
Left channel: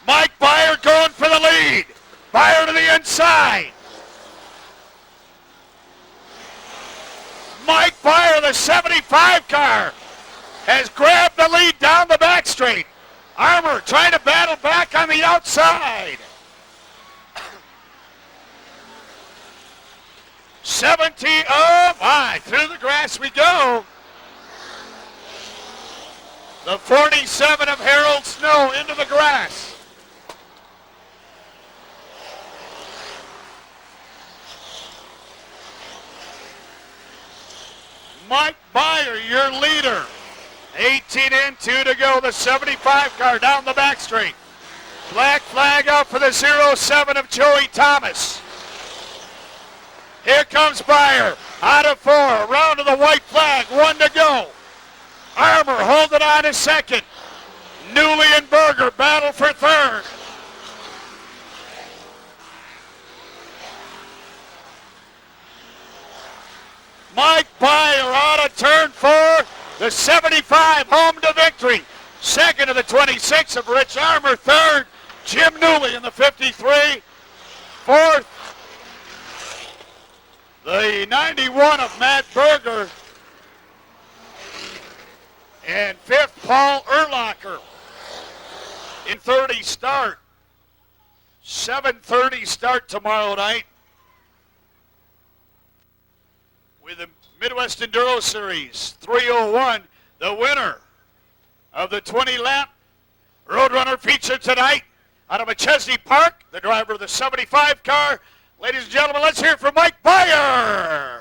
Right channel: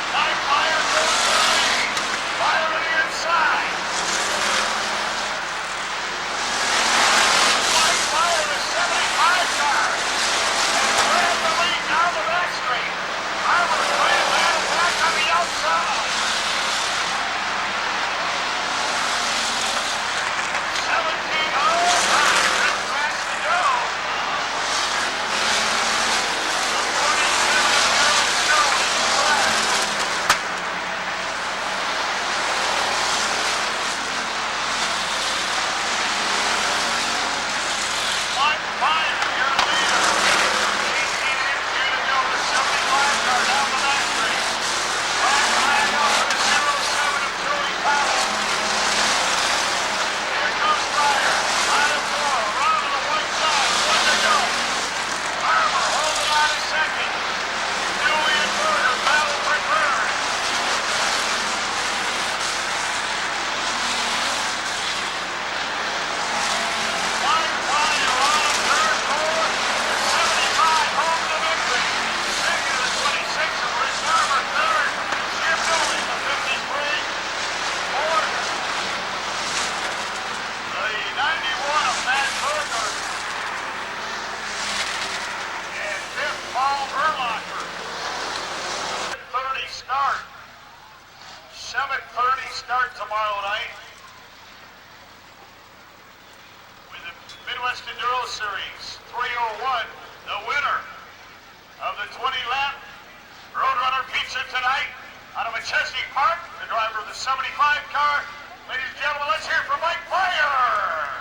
Mike Byer going for the lead. Byer to the inside. Mike Byer, the 75 car, has grabbed the lead down the back straight. Armour trying to battle back on the outside. 17, oh my, couldn't grasp me go. The 47 of Harold Snow into the grass. Mike Byer, your leader. 18 in, 2 to go. The 75 car down the back straight. Flag up for the 07 of Joey Thomas. Here comes Byer. Out of 4. Round to the white flag. 1 to go. Armour holding on to second. Newley and Berger battle for third. Mike Byer out of turn 4, the 75 home to victory. Second of the 26 of Rich Armour. Third, Jim Newley in the 53. Fourth, the 91 of Matt Berger. And fifth, Paul Erlacher. In 30 start. 7:30 start tomorrow night. The Midwest Enduro Series 301, the winner of the 20-lap Roadrunner feature tonight out of McChesney Park, the driver of the 75 car. Ladies and gentlemen, let's hear it for Mike Byer.